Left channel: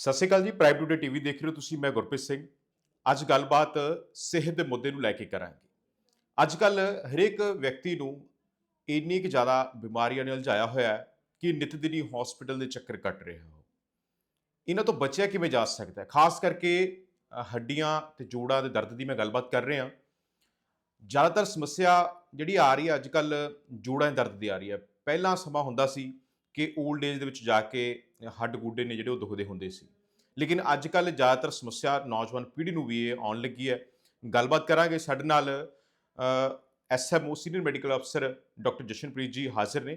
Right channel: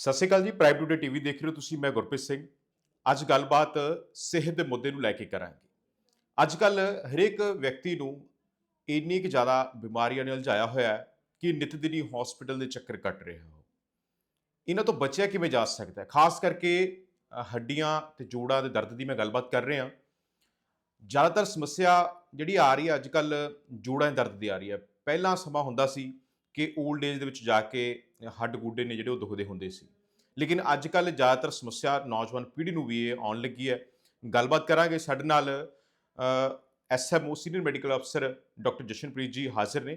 ਸਤਿ ਸ਼੍ਰੀ ਅਕਾਲ ਜੀ prime today TV ਦੇਖ ਰਹੇ ਹੋ ਤੁਸੀਂ, ਮੈਂ ਗੁਰਪ੍ਰੀਤ ਸਿੰਘ। ਅੱਜ ਗੱਲਬਾਤ ਸਿਹਤ ਦੇ ਮੁੱਦੇ ਨੂੰ ਲੈ ਕੇ ਕਰਾਂਗੇ। ਅੱਜ ਕੱਲ ਹਰੇਕ ਵਿਅਕਤੀ ਨੂੰ ਇੰਨੀ ਕੁ ਜ਼ਿਆਦਾ ਬਿਮਾਰੀਆਂ ਨਾਲ ਉਲਝਾਇਆ ਹੋਇਆ ਹੈ ਕਿ ਨਿਤ ਦਿਨੀ ਹਸਪੀਟਲ ਦੇ ਚੱਕਰ ਕੱਟ ਰਿਹਾ ਹੋ। ਇਹਨਾਂ ਤੋਂ ਬਚਿਆ ਕਿਵੇਂ ਜਾ ਸਕਦਾ ਹੈ? ਖਾਸ ਕਰਕੇ ਹੱਡੀਆਂ ਤੇ ਜੋੜਾਂ ਦੇ ਦਰਦ ਦੀ ਮੈਂ ਗੱਲਬਾਤ ਕਰ ਰਿਹਾ। ਜ਼ਿਆਦਾਤਰ ਸਮੱਸਿਆ ਜਿਹੜੀ ਆ ਰਹੀ ਹੈ, ਅੱਜ ਕੱਲ ਜੋੜਾਂ ਦੇ ਦਰਦ ਦੀ ਆ ਰਹੀ ਹੈ। ਪਹਿਲਾਂ ਸਮਾਂ ਹੁੰਦਾ ਸੀ ਕਿ 올ਡ ਏਜ ਦੇ ਵਿੱਚ ਜਾ ਕੇ ਹੱਡ ਗੋਡੇ ਨੇ ਜਿਹੜੇ ਉਹ ਦੁਖਦੇ ਹੁੰਦੇ ਸੀ। ਲੇਕਿਨ ਅੱਜ ਕੱਲ ਜ਼ਿਆਦਾਤਰ ਸਮੱਸਿਆ ਨੌਜਵਾਨ ਪੀੜ੍ਹੀ ਨੂੰ ਵੀ ਇਹ ਆਉਣ ਲੱਗੀ ਹੈ। ਗੱਲਬਾਤ ਕਰਾਂਗੇ ਸਾਡੇ ਨਾਲ ਐਸਐਮਓ ਸੀਨੀਅਰ ਮੈਡੀਕਲ ਅਫਸਰ ਡਾਕਟਰ ਜਸ਼ਨਪ੍ਰੀਤ ਜੀ ਹਾਜ਼ਰ ਨੇ।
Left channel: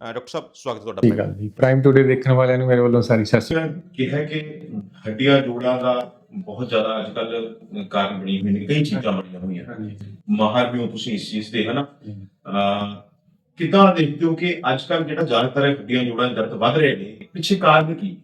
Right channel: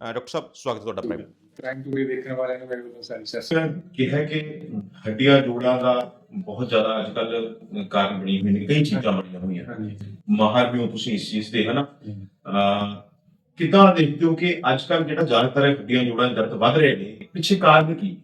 ਡਾਕਟਰ ਸਾਹਿਬ ਸਵਾਗਤ ਤੁਹਾਡਾ ਠੀਕ ਪਹਿਲਾਂ ਹੈ ਜੀ। ਪ੍ਰਾਈਮ ਟੂਡੇ ਦੇਖਣ ਵਾਲਿਆਂ ਨੂੰ ਮੇਰੇ ਵੱਲੋਂ ਸਾਰੀ ਸਤਿ ਸ਼੍ਰੀ ਅਕਾਲ। ਕਿਹਾ ਕਿ ਹੱਡੀਆਂ ਜੋੜਾਂ ਦਾ ਬਹੁਤ ਜ਼ਿਆਦਾ ਅੱਜ ਕੱਲ ਕਾਰਨ ਬਣੀ ਹੋਈ ਨੇ ਕਈ ਚੀਜ਼ਾਂ ਬਣੀਆਂ ਹੋਈਆਂ। ਹਾਂਜੀ। ਮਾਹਰ ਵੀ ਹੋ ਤੁਸੀਂ ਇਸ ਚੀਜ਼ ਦੇ ਹਨਾ? ਕਿੱਦਾਂ ਦੇਖਦੇ ਹੋ ਕਿ ਅੱਜ ਕੱਲ ਜਿਹੜਾ ਜ਼ਿਆਦਾਤਰ ਹੱਡੀਆਂ ਜੋੜਾਂ ਦੇ ਦਰਦ ਵੱਧ ਰਹੇ ਨੇ ਪਿੱਛੇ ਕਾਰਨ ਕੀ?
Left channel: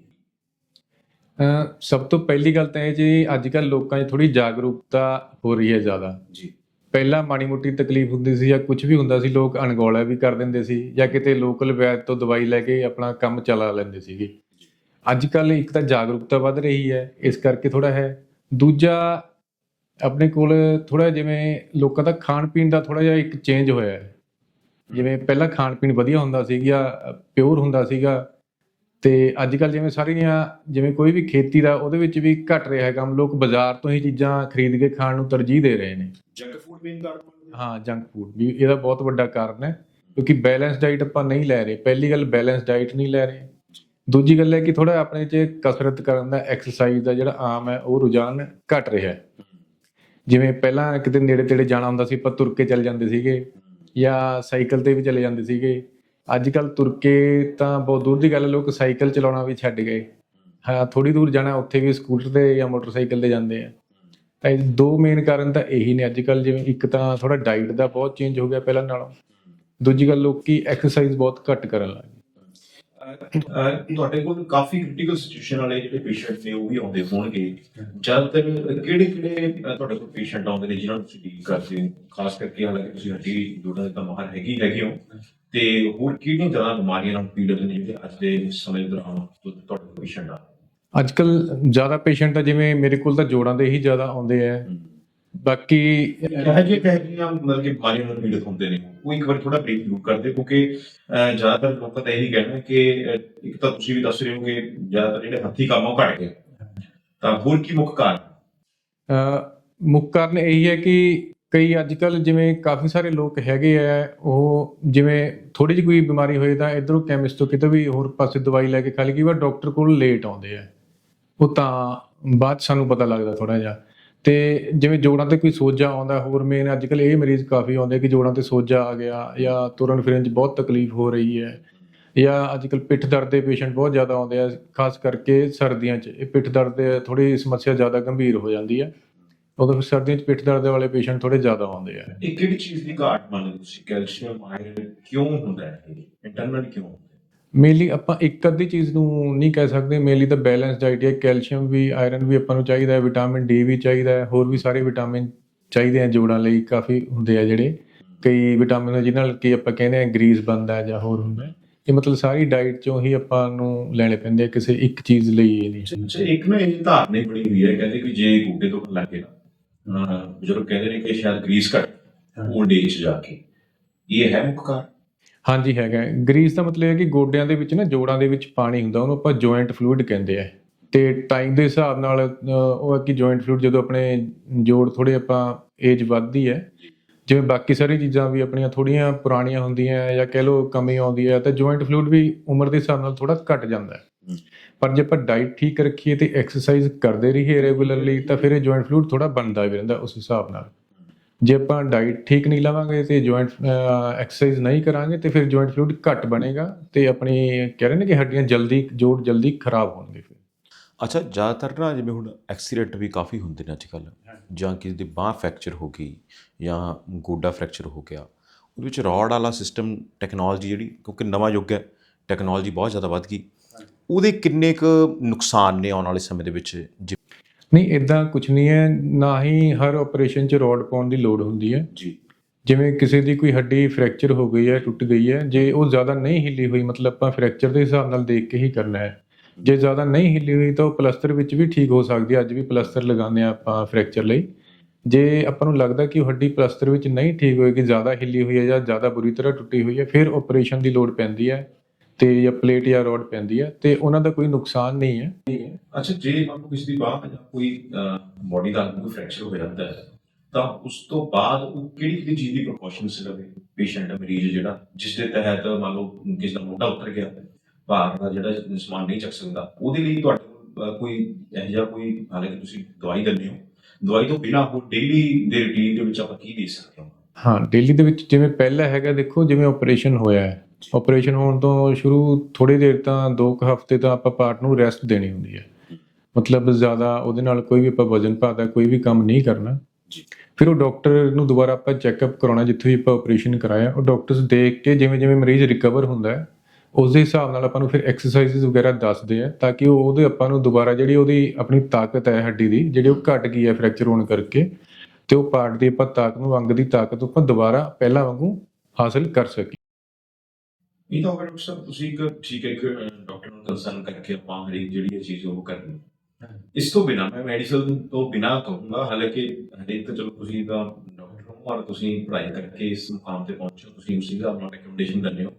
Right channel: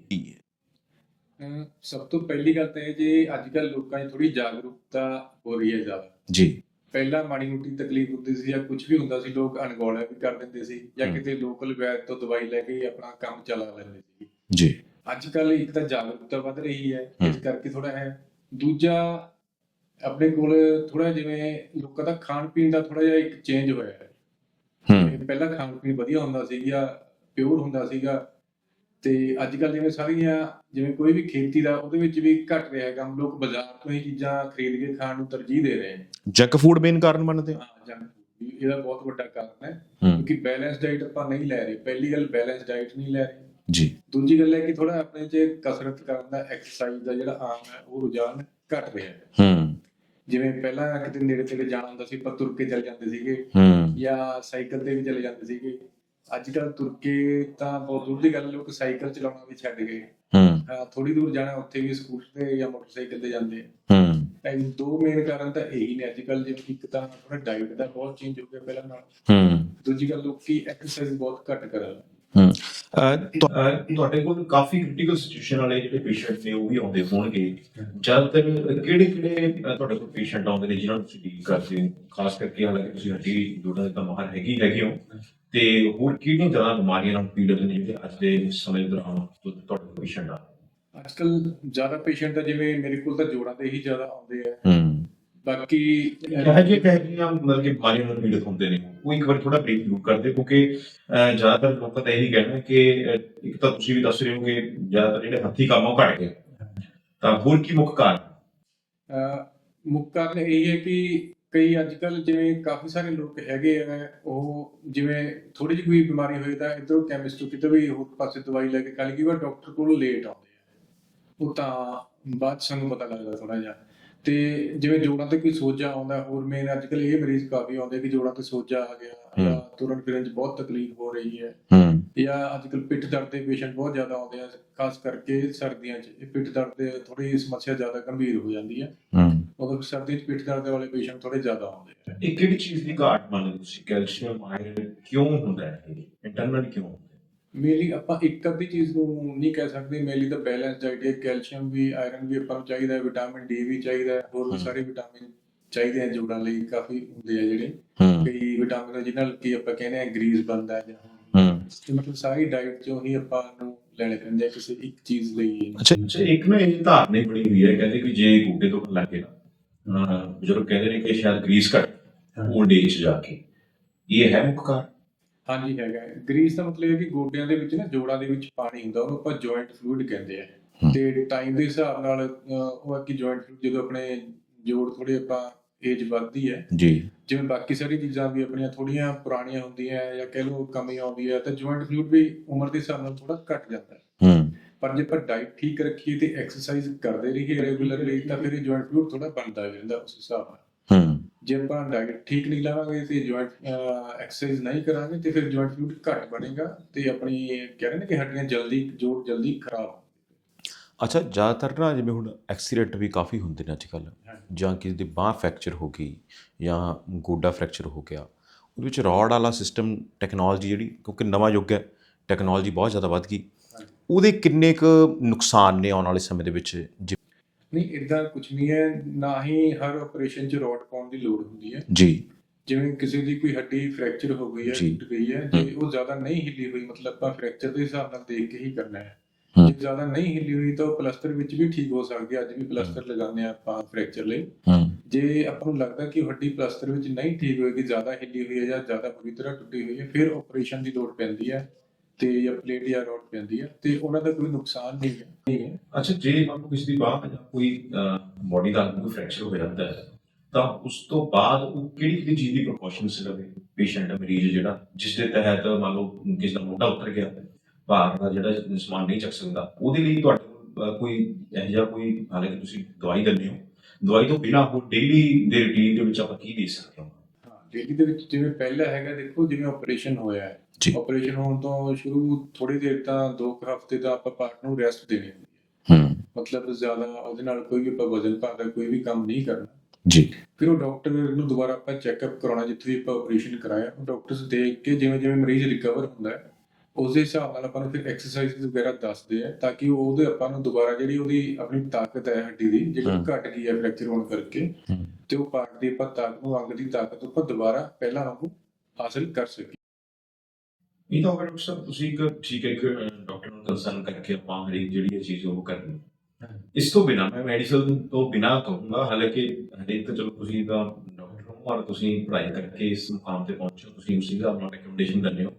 ਸਭ ਤੋਂ ਪਹਿਲੀ ਗੱਲ ਤਾਂ ਇਹ ਜੀ ਅੱਜ ਕੱਲ ਲੋਕਾਂ 'ਚ ਥੋੜੀ ਜਾਗਰੂਕਤਾ ਹੋ ਰਹੀ ਹੈ ਜ਼ਿਆਦਾ। ਜੀ। ਪਹਿਲਾਂ ਮਾੜੀ ਮੋਟੀ ਤਕਲੀਫ ਹੁੰਦੀ ਸੀ ਜਾਂ ਕੁਝ ਵੀ ਹੁੰਦਾ ਸੀ ਲੋਕ ਅਣਗੌਲਾ ਵੀ ਕਰ ਦਿੰਦੇ ਸੀ ਜਾਂ ਕਿਤੇ ਲੋਕਲ ਵੈਦ ਤੋਂ ਦਵਾਈ ਲੈ ਕੇ ਆਪਣਾ ਕੰਮ ਚਲਾ ਲੈਂਦੇ ਸੀਗੇ। ਜੀ। ਅੱਜ ਕੱਲ ਇੱਕ ਤਾਂ ਜਾਗਰੂਕਤਾ ਵੱਧ ਰਹੀ ਹੈ ਇਸ ਕਰਕੇ ਥੋੜਾ ਹੈ। ਦੂਜਾ ਆਪਣੇ ਕੋਲ ਥੋੜਾ ਜਿਵੇਂ ਲੋਕਾਂ ਦਾ ਖਾਣ ਪੀਣ ਦਾ ਥੋੜਾ ਜਿਹਾ ਇੱਕ ਚੇਂਜ ਹੋਇਆ ਹੈ। ਜਿਵੇਂ ਪਹਿਲਾਂ ਖਾਣ ਪੀਣ ਵਧੀਆ ਹੁੰਦਾ ਸੀਗਾ ਪਿਓਰ ਹੁੰਦਾ ਸੀਗਾ ਤੇ ਅੱਜ ਕੱਲ ਜਿਵੇਂ ਸਾਰੀਆਂ ਜਿਵੇਂ ਕੋਈ ਵੀ ਖੇਤੀ ਦਾ ਉਹਦੇ ਵਿੱਚ ਵੀ ਘਟ ਰਿਹਾ ਹੈ ਕੰਮ ਲੋਕ ਬਾਜ਼ਾਰ ਤੋਂ ਹੀ ਚੀਜ਼ਾਂ ਖਰੀਦ ਕੇ ਖਾਣ ਨੂੰ ਤਰਜੀਹ ਦੇ ਰਹੇ ਨੇ। ਜੰਕ ਫੂਡ ਮੇਨ ਕਾਰਨ ਮੰਨਦੇ ਹਾਂ ਜੰਕ ਫੂਡ ਵੀ ਇਹਦਾ ਬਹੁਤ ਵੱਡਾ ਕਾਰਨ ਹੈ ਹੂੰ। ਕਿਉਂਕਿ ਬੈਲੈਂਸ ਡਾਈਟ ਆਪਾਂ ਨਹੀਂ ਲੈ ਰਹੇ। ਪਹਿਲੀ ਗੱਲ ਬੈਲੈਂਸ ਡਾਈਟ ਨਹੀਂ ਲੈ ਰਹੇ। ਜੀ। ਦੂਜੀ ਗੱਲ ਹੈ ਕਿ ਥੋੜਾ ਆਪਣੇ 'ਚ ਕਸਰਤ ਕਰਨ ਦਾ ਐਕਸਰਸਾਈਜ਼ ਦਾ ਜਿਹੜਾ ਆਮ ਹੈ ਉਹ ਰੁਝਾਨ ਘਟ ਰਿਹਾ ਹੈ। ਹੂੰ। ਜਿਵੇਂ ਪਹਿਲਾਂ ਕਿਤੇ ਨੇੜੇ ਤੇੜੇ ਜਾਣਾ ਹੁੰਦਾ ਸੀ ਆਪਾਂ ਤੁਰ ਕੇ ਚੱਲ ਜਾਂਦੇ ਸੀਗੇ। ਹੂੰ। ਜਾਂ ਸਾਈਕਲ ਤੇ ਵੀ ਚਲੇ ਜਾਂਦੇ ਸੀਗੇ। ਅੱਜ ਕੱਲ ਤੁਰ ਕੇ ਤਾਂ ਬਹੁਤ ਦੂਰ ਦੀ ਗੱਲ ਹੈ, ਲੋਕ ਸਾਈਕਲ ਚਲਾਉਣਾ ਵੀ ਛੱਡ ਗਏ। ਹੂੰ। ਥੋੜੀ ਦੂਰ ਜਾਣਾ ਉੱਥੇ ਵੀ ਸਕੂਟਰ ਤੇ ਜਾਂ ਮੋਟਰਸਾਈਕਲ ਤੇ ਜਾਂਦੇ ਆ। ਹੂੰ। ਤਾਂ ਦੋ ਮੇਨ ਕਾਰਨ ਤਾਂ ਇਹੀ ਨੇ। ਅੱਜ ਕੱਲ ਜਿਵੇਂ ਇੱਕ ਤਾਂ ਥੋੜਾ ਡਾਈਟ ਦਾ ਬਹੁਤ ਚੇਂਜ ਹੋ ਗਿਆ ਪਹਿਲਾਂ ਨਾਲੋਂ। ਹੂੰ। ਦੂਜੀ ਗੱਲ ਲੋਕੀ ਐਕਸਰਸਾਈਜ਼ ਬਹੁਤ ਘੱਟ ਕਰਨ ਲੱਗ ਹੂੰ। ਤੁਹਾਡੇ ਕੋਲ ਕਾਫੀ ਕ੍ਰਿਟੀਕਲ ਸਿਚੁਏਸ਼ਨ ਵਾਲੇ ਜਿਹੜੇ ਪੇਸ਼ੈਂਟ ਨੇ ਉਹ ਵੀ ਆਉਂਦੇ ਹੋਣਗੇ। ਜ਼ਿਆਦਾਤਰ ਕਿਹੜੇ ਕਿਹੜੇ ਤੁਹਾਡੇ ਕੋਲ ਪੇਸ਼ੈਂਟ ਆਉਂਦੇ ਨੇ ਜਿਨ੍ਹਾਂ ਨੂੰ ਤੁਸੀਂ ਡੀਲ ਕਰਦੇ ਹੋ? ਖਾਸ ਕਰਕੇ ਹਾਲਾਂਕਿ ਤੁਸੀਂ ਹੱਡੀ ਜੋੜਾਂ ਦੇ ਤਾਂ ਮਾਹਰ ਹੈਗੀ ਹੈਗੇ ਹੋ। ਤੇ ਹੋਰ ਕਿਹੜੀਆਂ ਜ਼ਿਆਦਾ ਬਿਮਾਰੀਆਂ ਨਾਲ ਪੀੜਤ ਨੇ ਜਿਹੜੇ ਅੱਜ ਦੇ ਸਮੇਂ ਦੌਰਾਨ ਤੁਹਾਡੇ ਕੋਲ ਪੇਸ਼ੈਂਟ ਆ? ਅੱਜ ਕੱਲ ਜ਼ਿਆਦਾ ਪੇਸ਼ੈਂਟ ਜਿਵੇਂ ਮੇਰੇ ਕੋਲ ਤਾਂ ਜੋੜਾਂ ਦੇ ਹੀ ਜ਼ਿਆਦਾ ਆਉਂਦੇ ਆ। ਹੂੰ। ਬਾਕੀ ਕਹੇ ਜੇ ਕਹੇ ਜੀਆਂ ਮਤਲਬ ਕਿ ਬਿਮਾਰੀਆਂ ਨਾਲ ਪੀੜਤ ਹੁੰਦੇ ਨੇ। ਉਹ ਇੱਕ ਵਾਰ ਥੋੜਾ ਬਰੀਫ ਜ਼ਰੂਰ ਕਰਦੇ ਕਿਉਂਕਿ ਜ਼ਿਆਦਾਤਰ ਲੋਕਾਂ ਦਾ ਇਹੀ ਕਹਿਣਾ ਕਿ ਇੱਕ ਤਾਂ ਤੁਸੀਂ ਵੀ ਦੱਸ ਰਹੇ ਹੋ ਕਿ ਜ਼ਿਆਦਾਤਰ ਜਿਹੜੇ ਹੱਥੀ ਕੰਮ ਉਹ ਘਟ ਗਏ। ਤਾਂ ਹੋਰ ਕੀ ਮੁੱਖ ਕਾਰਨ? ਮੁੱਖ ਕਾਰਨ ਇਹੀ ਹੈ ਕਿ ਕਈ ਅੱਜ ਕੱਲ ਜਿਵੇਂ ਕਾਫੀ ਸਾਰੇ ਲੋਕ ਹੈਗੇ ਆ ਉਹ ਜਿਵੇਂ ਥੋੜੀ ਜਿਹੀ ਕੋਈ ਬਿਮਾਰੀ ਹੋਏ ਤਾਂ ਇਧਰੋਂ ਕੈਮਿਸਟ ਤੋਂ ਕਿਤੇ ਵੀ ਹੋਰ ਪਾਸੇ ਦਵਾਈ ਲੈ ਕੇ ਖਾ ਲਈ ਵਾਰ ਡਾਕਟਰ ਕੋਲ ਲੇਟ ਆਉਂਦੇ ਆ। ਉਹ ਤਾਂ ਬਾਅਦ ਸਾਨੂੰ ਪਤਾ ਲੱਗਦਾ ਥੋੜਾ ਜਿਹਾ। ਤੇ ਜਿਵੇਂ ਜੋੜਾਂ ਤੇ ਕੋਈ ਸੋਜਾ ਆਉਂਦਾ ਹੋਰ ਮੇਨ ਅੱਜ ਕੱਲ ਇਹ ਮਰੀਜ਼ ਕਾਫੀ ਆਉਂਦੇ ਕਿ ਜੋੜਾਂ ਤੇ ਸੋਜਾ ਆ ਗਿਆ ਜਾਂ ਤੁਰਨ ਫਿਰਨ 'ਚ ਬਹੁਤ ਤਕਲੀਫ ਹੋ ਰਹੀ ਹੈ ਹੂੰ। ਜਾਂ ਅੱਜ ਕੱਲ ਪਿੱਠ ਦਰਦ ਦੇ ਪੇਸ਼ੈਂਟ ਬਹੁਤ ਜ਼ਿਆਦਾ ਆਉਂਦੇ ਆ ਖਾਸ ਕਰਕੇ ਸਰਦੀਆਂ 'ਚ। ਇਹ ਪਿੱਠ ਦਰਦ ਦੇ ਥੋੜੀ ਸਮੱਸਿਆ ਜ਼ਿਆਦਾ ਗੰਭੀਰ ਹੋ ਜਾਂਦੀ ਹੈ। ਹੂੰ। ਉਦੋਂ ਫਿਰ ਸਰਦੀਆਂ 'ਚ ਪਿੱਠ ਦਰਦ ਵਾਲੇ ਪੇਸ਼ੈਂਟ ਥੋੜੇ ਜ਼ਿਆਦਾ ਆਉਂਦੇ ਆ। ਇਹ ਕਿਹੜੀ ਚੀਜ਼ ਦੀ ਘਾਟ ਮੰਨਦੇ ਤੁਸੀਂ? ਕੈਲਸ਼ੀਅਮ ਆਇਰਨ ਕਿਉਂ ਹੁੰਦਾ ਹੈ? ਇਹ ਇੰਟਰਨਲ ਕਿਉਂ? ਮੇਨਲੀ ਆਪਾਂ ਇੱਕ ਅੱਧੀ ਚੀਜ਼ ਨੂੰ ਨਹੀਂ ਕਹਿ ਸਕਦੇ ਮੇਨਲੀ ਤਾਂ ਬੈਲੈਂਸ ਡਾਈਟ ਹੈ ਕੈਲਸ਼ੀਅਮ ਵੀ ਆਇਰਨ ਵੀ ਆਪਾਂ ਨੂੰ ਚਾਹੀਦਾ ਹੈ ਵਿਟਾਮਿਨ ਡੀ ਵੀ ਚਾਹੀਦਾ ਹੈ ਹੋਰ ਵੀ ਸਾਰੇ ਵਿਟਾਮਿਨ ਚਾਹੀਦੇ ਆ ਜੋੜਾਂ ਲਈ ਕਾਫੀ ਹੁੰਦੇ ਆ ਜਿਹੜੇ। ਕਈ ਵਿਟਾਮਿਨ ਜਿਹਨਾਂ ਨਾਲ ਕੀ ਆਪਾਂ ਕਹਿੰਦੇ ਆ ਗਰੀਸ ਬਣਦਾ ਹੈ ਜਾਂ ਹੋਰ ਇਹ ਮਤਲਬ ਸਾਰੀ ਡਾਈਟ ਚੋਂ ਹੀ ਆਪਾਂ ਨੂੰ ਲੈਣੇ ਪੈਂਦੇ ਆ ਕਿਸੇ ਇੱਕ ਚੀਜ਼ ਲਈ ਇਹ ਨਹੀਂ। ਅੱਛਾ ਇੱਕ ਨਾ ਇਹ ਧਾਰਨਾ ਬਣੀ ਹੋਈ ਹੈ ਕਹਿੰਦੇ ਕਿ ਜੇ ਗੋਡੇ ਤੋਂ ਲੱਗੇ ਨਾ ਬਜ਼ੁਰਗ ਕਹਿੰਦੇ ਨੇ ਕਿ ਸ਼ਾਇਦ ਗਰੀਸ ਘਟ 올ਡ ਏਜ 'ਚ ਜਾ ਕੇ। ਇਹ ਹੈ ਮੁੱਖ ਕਾਰਨ? ਹਾਂਜੀ ਹੈਗਾ ਗਰੀਸ ਦਾ ਮਤਲਬ ਇਹ ਹੈ ਕਿ ਗੋਡਿਆਂ ਦੇ ਵਿੱਚ ਨਾ ਜੋੜਾਂ ਦੇ ਵਿੱਚ ਪਾਣੀ ਹੁੰਦਾ ਉਹਨੂੰ ਆਪਾਂ ਜੁਆਇੰਟ ਫਲੂਇਡ ਕਹਿੰਦੇ ਆ। ਤੇ ਟਾਈਮ ਦੇ ਹਿਸਾਬ ਨਾਲ ਉਹ ਹੈ ਕਿ ਜੁਆਇੰਟ ਫਲੂਇਡ ਜਦੋਂ ਆਪਣੇ ਜੋੜ ਥੋੜੇ ਆਪਾਂ ਏਜ ਵੱਧਦੀ ਹੈ ਜੀ। ਜਿਵੇਂ ਬਾਕੀ ਸਾਰੀ ਚੀਜ਼ਾਂ ਵੀ ਆਪਣੀਆਂ ਥੋੜੀਆਂ ਪੁਰਾਣੀਆਂ ਹੁੰਦੀਆਂ ਜਾਂ ਕਹਿ ਲਓ ਕਮੀ ਆਉਂਦੀ ਹੈ ਤਾਂ ਜੁਆਇੰਟ ਫਲੂਇਡ ਵੀ ਉਮਰ ਦੇ ਹਿਸਾਬ ਨਾਲ ਥੋੜਾ ਘਟ ਜਾਂਦਾ ਹੈ। ਹੂੰ। ਪਰ ਜੇ ਆਪਾਂ ਡਾਈਟ ਠੀਕ ਰੱਖੀਏ ਤੇ ਐਕਸਰਸਾਈਜ਼ ਕਰਦੇ ਰਹੀਏ ਰੈਗੂਲਰਲੀ ਤਾਂ ਫਿਰ ਇਹ ਜੁਆਇੰਟ ਫਲੂਇਡ ਥੋੜਾ ਬਣਦਾ ਵੀ ਰਹਿੰਦਾ ਉਸ ਹਿਸਾਬ ਨਾਲ। ਹੂੰ। ਜੇ ਆਪਾਂ ਡਾਈਟ ਠੀਕ ਨਹੀਂ ਲਾਵਾਂਗੇ ਤੇ ਜੁਆਇੰਟ ਐਕਸਰਸਾਈਜ਼ ਨਹੀਂ ਕਰਾਂਗੇ ਤੇ ਫਿਰ ਜੁਆਇੰਟ ਫਲੂਇਡ ਘੱਟ ਬਣੇਗਾ ਤੇ ਆਪਣੀ ਕਹਿ ਰਹੇ ਨੇ ਕਿ ਹੱਡੀਆਂ ਜਲਦੀ ਜੋੜ ਜਲਦੀ ਖਰਾਬ ਹੋਣਗੇ ਫਿਰ। ਅੱਛਾ ਜ਼ਿਆਦਾਤਰ ਨਾ ਜਿਵੇਂ ਹੁਣ ਐਕਸੀਡੈਂਟ ਵੀ ਕਾਫੀ ਹੁੰਦੇ ਨੇ ਅੱਜ ਕੱਲ ਜਾਂ ਕਿਸੇ ਦੀ ਬਾਹ ਫ੍ਰੈਕਚਰ ਹੋ ਗਈ ਜਾਂ ਗੋਡਾ ਫ੍ਰੈਕਚਰ ਹੋ ਗਿਆ ਉਹਦੇ ਵਿੱਚ ਰੋਡ ਵਾਲਾ ਸਿਸਟਮ ਟੈਕਨੋਲੋਜੀ ਜਿਹੜੀ ਕਿਉਂਕਿ ਨਵਾਂ ਯੁੱਗ ਹੈ ਟੈਕਨੋਲੋਜੀ ਬਹੁਤ ਜ਼ਿਆਦਾ ਵੱਧ ਗਈ ਉਹਦੇ ਕਿੰਨੇ ਕੁ ਨੁਕਸਾਨ ਨੇ ਆਉਣ ਵਾਲੇ ਸਮੇਂ ਦੇ ਵਿੱਚ? ਜੀ- ਨਹੀਂ ਇਦਾਂ ਕੁਝ ਨਹੀਂ ਹੈ। ਨਾ ਹੀ ਹਰ ਆਪਰੇਸ਼ਨ 'ਚ ਰੋਡ ਪਾਉਣ ਦੀ ਲੋੜ ਹੁੰਦੀ ਹੈ। ਜੀ। ਜਿਵੇਂ ਕਿਸੇ ਦੀ ਕੋਈ ਹੱਡੀ ਫ੍ਰੈਕਚਰ ਹੋ ਗਈ ਹੈ। ਟੁੱਟ ਗਈ ਹੈ ਜੇ ਉਹ ਜ਼ਿਆਦਾ ਨਹੀਂ ਹਿੱਲੀ ਹੋਈ ਮਤਲਬ ਆਪਾਂ ਫ੍ਰੈਕਚਰ ਦੇ ਹਿਸਾਬ ਨਾਲ ਦੇਖ ਕੇ ਹੀ ਕਰਨਾ ਹੈ। ਜੇ ਜ਼ਿਆਦਾ ਨਹੀਂ ਹਿੱਲੀ ਹੋਈ ਤਾਂ ਉਹ ਪਲਸਤਰ ਵਿੱਚ ਵੀ ਠੀਕ ਹੋ ਸਕਦੀ ਹੈ। ਅੱਜ ਵੀ ਪਲਸਤਰ ਲਗਾਉਂਦੇ ਆ ਆਪਾਂ ਫ੍ਰੈਕਚਰ ਲਈ। ਜੇ ਆਪਾਂ ਨੂੰ ਲੱਗਦਾ ਕਿ ਉਹ ਹੱਡੀ ਪਲਸਤਰ ਵਿੱਚ ਨਹੀਂ ਠੀਕ ਹੋਏਗੀ ਜ਼ਿਆਦਾ ਹਿੱਲੀ ਹੋਈ ਹੈ ਜਾਂ ਜ਼ਿਆਦਾ ਬੁਰੀ ਤਰ੍ਹਾਂ ਟੁੱਟੀ ਹੋਈ ਹੈ ਫਿਰ ਆਪਰੇਸ਼ਨ ਦੀ ਲੋੜ ਪੈਂਦੀ ਹੈ। ਤੇ ਜਾਂ ਪਲੇਟ ਜਾਂ ਰੋਡ ਪੈਂਦੀ ਹੈ ਤੇ ਉਹਨਾਂ ਦਾ ਕੋਈ ਨੁਕਸਾਨ ਨਹੀਂ ਹੈ। ਅੱਛਾ ਜੇ ਮੰਨ ਲਓ ਕਿਸੇ ਦੀ ਬਾਹ ਜਾਂ ਕੋਈ ਬੋਡੀ ਦਾ ਕੋਈ ਫ੍ਰੈਕਚਰ ਹੋ ਜਾਂਦਾ ਹੈ ਤਾਂ ਉਸ ਤੋਂ ਬਾਅਦ ਉਹ ਕਿਹੜੀ ਕਿਹੜੀ ਚੀਜ਼ ਦੀ ਪ੍ਰੀਕਾਸ਼ਨਸ ਲਵੇ? ਪੇਸ਼ੈਂਟ ਮਰੀਜ਼ ਜਿਹੜਾ ਜਿਸ ਦੇ ਤਹਿਤ ਮੰਨ ਲਓ ਕਿਸੇ ਦਾ ਮੋਢਾ ਉੱਤਰ ਗਿਆ ਭਾਰ ਦਾ ਜਿਹੜਾ ਸਮਾਨ ਨਹੀਂ ਚੱਕ ਸਕਦਾ ਉਹਦੇ ਲਈ ਤੁਹਾਡੇ ਕੋਈ ਇਹੋ ਜਿਹਾ ਕੋਈ ਹਾਲਾਂਕਿ ਤੁਸੀਂ ਦਵਾਈ ਦਿੰਦੇ ਹੋ ਦਵਾਈ ਤੋਂ ਬਿਨਾਂ ਉਹ ਡੇਲੀ ਦੇ ਰੁਟੀਨ ਦੇ ਵਿੱਚ ਆਪਾਂ ਕੀ ਦੇ ਸਕਦੇ ਹਾਂ? ਹਾਂ ਦਿੱਲੀ ਦੇ ਵਿੱਚ ਜਿਵੇਂ ਪਹਿਲਾਂ ਹੈਗਾ ਦੇਖੋ ਜਿਵੇਂ ਆਪਰੇਸ਼ਨ ਹੋਇਆ ਹੈ। ਆਪਰੇਸ਼ਨ ਹੋਣ ਤੋਂ ਸ਼ੁਰੂ ਥੋੜੀ ਦੇਰ ਤਾਂ 2 ਹਫ਼ਤੇ ਤਾਂ ਆਪਾਂ ਪਾਰਟ ਨੂੰ ਰੈਸਟ ਦੇਣੀ ਹੁੰਦੀ ਹੈ। ਹੂੰ। ਮਤਲਬ ਜ਼ਿਆਦਾ ਉਹਦੇ ਨਾਲ ਕੋਈ ਵੀ ਆਪਾਂ ਵਜ਼ਨ ਭਾਦਾ ਕੋਈ ਵੀ ਕੰਮ ਨਹੀਂ ਕਰਨਾ। ਜੀ। ਫਿਰ ਉਹ ਡਾਕਟਰ ਨੂੰ ਦੁਬਾਰਾ ਆਪਾਂ ਚੈੱਕਅਪ ਕਰਾਉਣਾ ਜਿੱਥੇ ਵੀ ਆਪਾਂ ਆਪਰੇਸ਼ਨ ਕਰਾਇਆ ਉਹ ਡਾਕਟਰਸ ਦੇਖ ਕੇ ਜਿਵੇਂ ਜਿਵੇਂ ਮਰੀਜ਼ ਰਿਕਵਰ ਹੁੰਦਾ ਹੈ ਉਸ ਦੇ ਹਿਸਾਬ ਨਾਲ ਆਪਾਂ ਨੂੰ ਫਿਰ ਐਕਸਰਸਾਈਜ਼ਸ ਵਗੈਰਾ ਦੱਸਦੇ ਆ ਤਾਂ ਕਿ ਉਹ ਉਹਦੇ ਆਪਾਂ ਨੂੰ ਦੁਬਾਰਾ ਜਿਹੜੀ ਉਹਦੀ ਆਪਣੀ ਤਾਕਤ ਹੈ ਹੱਡੀ ਦੀ ਜਿਹੜੀ ਉਹ। ਘਟ ਗਈ ਹੈ ਫ੍ਰੈਕਚਰ ਹੋਣ ਕਰਕੇ। ਤੇ ਉਹ ਪਾਰਟ ਦੀ ਆਪਾਂ ਤਾਕਤ ਨੂੰ ਅੰਗ ਦੀ ਤਾਕਤ ਆਪਾਂ ਦੁਬਾਰਾ ਪਹਿਲਾਂ ਵਾਂਗੂ ਹਾਸਲ ਕਰ ਸਕੀਏ। ਇਹ ਤਾਂ ਡਾਕਟਰ ਸਾਹਿਬ ਤੁਸੀਂ ਇੱਕ ਠੀਕ ਹੈ ਇੱਕ ਡਾਕਟਰ ਨੂੰ ਕੰਸਰਨ ਕਰਕੇ ਆਪਾਂ ਹਰੇਕ ਜਿਹੜੀ ਇਹ ਚੀਜ਼ ਉਹ ਕਰਨੀ। ਇਸ ਤੋਂ ਬਿਨਾ ਮੈਂ ਮੈਡੀਸਨ ਤੋਂ ਬਿਨਾ ਕਹੂੰਗਾ ਹਾਲਾਂਕਿ ਹਰੇਕ ਤਾਂ ਚਲੋ ਤੁਸੀਂ ਤਾਂ ਡਾਕਟਰ ਹੋ ਔਰ ਤੁਸੀਂ ਪੜ੍ਹਾਈ ਕਰਕੇ ਇਸ ਮੁਕਾਮ ਤੇ ਪਹੁੰਚੇ ਤੁਸੀਂ ਉਸੇ ਹਿਸਾਬ ਨਾਲ ਰეკਮੈਂਡੇਸ਼ਨ ਦਿੰਦੇ ਹੋ।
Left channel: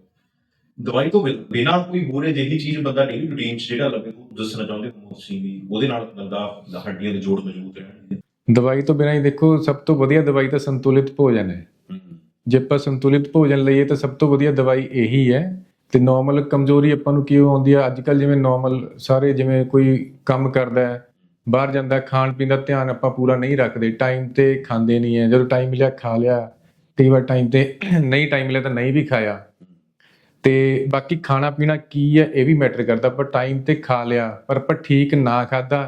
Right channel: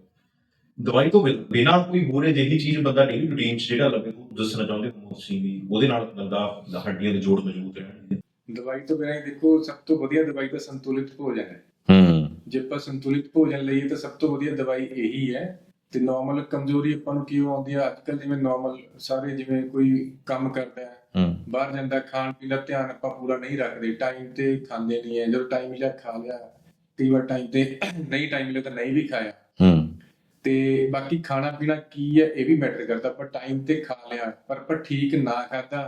ਦਵਾਈ ਤੋਂ ਬਿਨ- ਕੋਈ ਹੋਰ ਅਜਿਹੀ ਚੀਜ਼ ਬੰਦਾ ਡੇਲੀ ਰੂਟੀਨ 'ਚ ਜਿਹੜਾ ਲੱਗੇ ਉਹ ਦੱਸਣਾ ਚਾਹੁੰਦੇ ਹੋ ਤੁਸੀਂ ਵੀ ਉਹਦੇ ਨਾਲ ਬੰਦਾ ਦਾ ਹੱਡੀਆਂ ਦੇ ਜੋੜ ਮਜ਼ਬੂਤ ਰਹਿਣਗੇ ਦਵਾਈ ਤੋਂ ਬਿਨਾਂ ਹੀ ਦੇਖੋ ਸਭ ਤੋਂ ਵਧੀਆ ਦਵਾਈ ਤਾਂ ਸੰਤੁਲਿਤ ਭੋਜਨ ਹੈ। ਹੂੰ। ਜੇ ਆਪਾਂ ਸੰਤੁਲਿਤ ਭੋਜਨ ਲਈਏ ਤਾਂ ਸਭ ਤੋਂ ਵਧੀਆ ਦਵਾਈ ਇਹੀ ਹੈ ਤੇ ਨਾਰਮਲ ਕਮਜ਼ੋਰੀ ਆਪਾਂ ਨੂੰ ਕਿਉਂ ਆਉਂਦੀ ਹੈ ਅੱਜ ਕੱਲ ਜਿਵੇਂ ਨਾਰਮਲ ਸਾਰੇ ਜਿਵੇਂ ਕੋਈ ਕੰਮ ਕਰਦਾ ਹੈ ਬਾਹਰ ਜਾਂਦਾ ਖਾਣ ਪੀਣ ਦਾ ਧਿਆਨ ਆਪਾਂ ਪੂਰਾ ਨਹੀਂ ਰੱਖਦੇ ਟਾਈਮ ਤੇ ਖਾਂਦੇ ਨਹੀਂ ਹੈ। ਜਦੋਂ ਟਾਈਮ ਮਿਲਿਆ ਖਾ ਲਿਆ ਕਈ ਵਾਰ ਟਾਈਮ ਤੇ ਨਹੀਂ ਟਾਈਮ ਮਿਲਿਆ ਤਾਂ ਨਹੀਂ ਵੀ ਖਾਇਆ। ਤੇ ਬਾਕੀ ਖਾਣਾ ਪੀਣਾ ਕੀ ਹੈ ਇਹ ਵੀ ਮੈਟਰ ਕਰਦਾ ਪਰ ਟਾਈਮ ਤੇ ਖਾ ਲਿਆ ਪਰ ਆਪਾਂ ਠੀਕ ਨਾ ਖਾਦਾ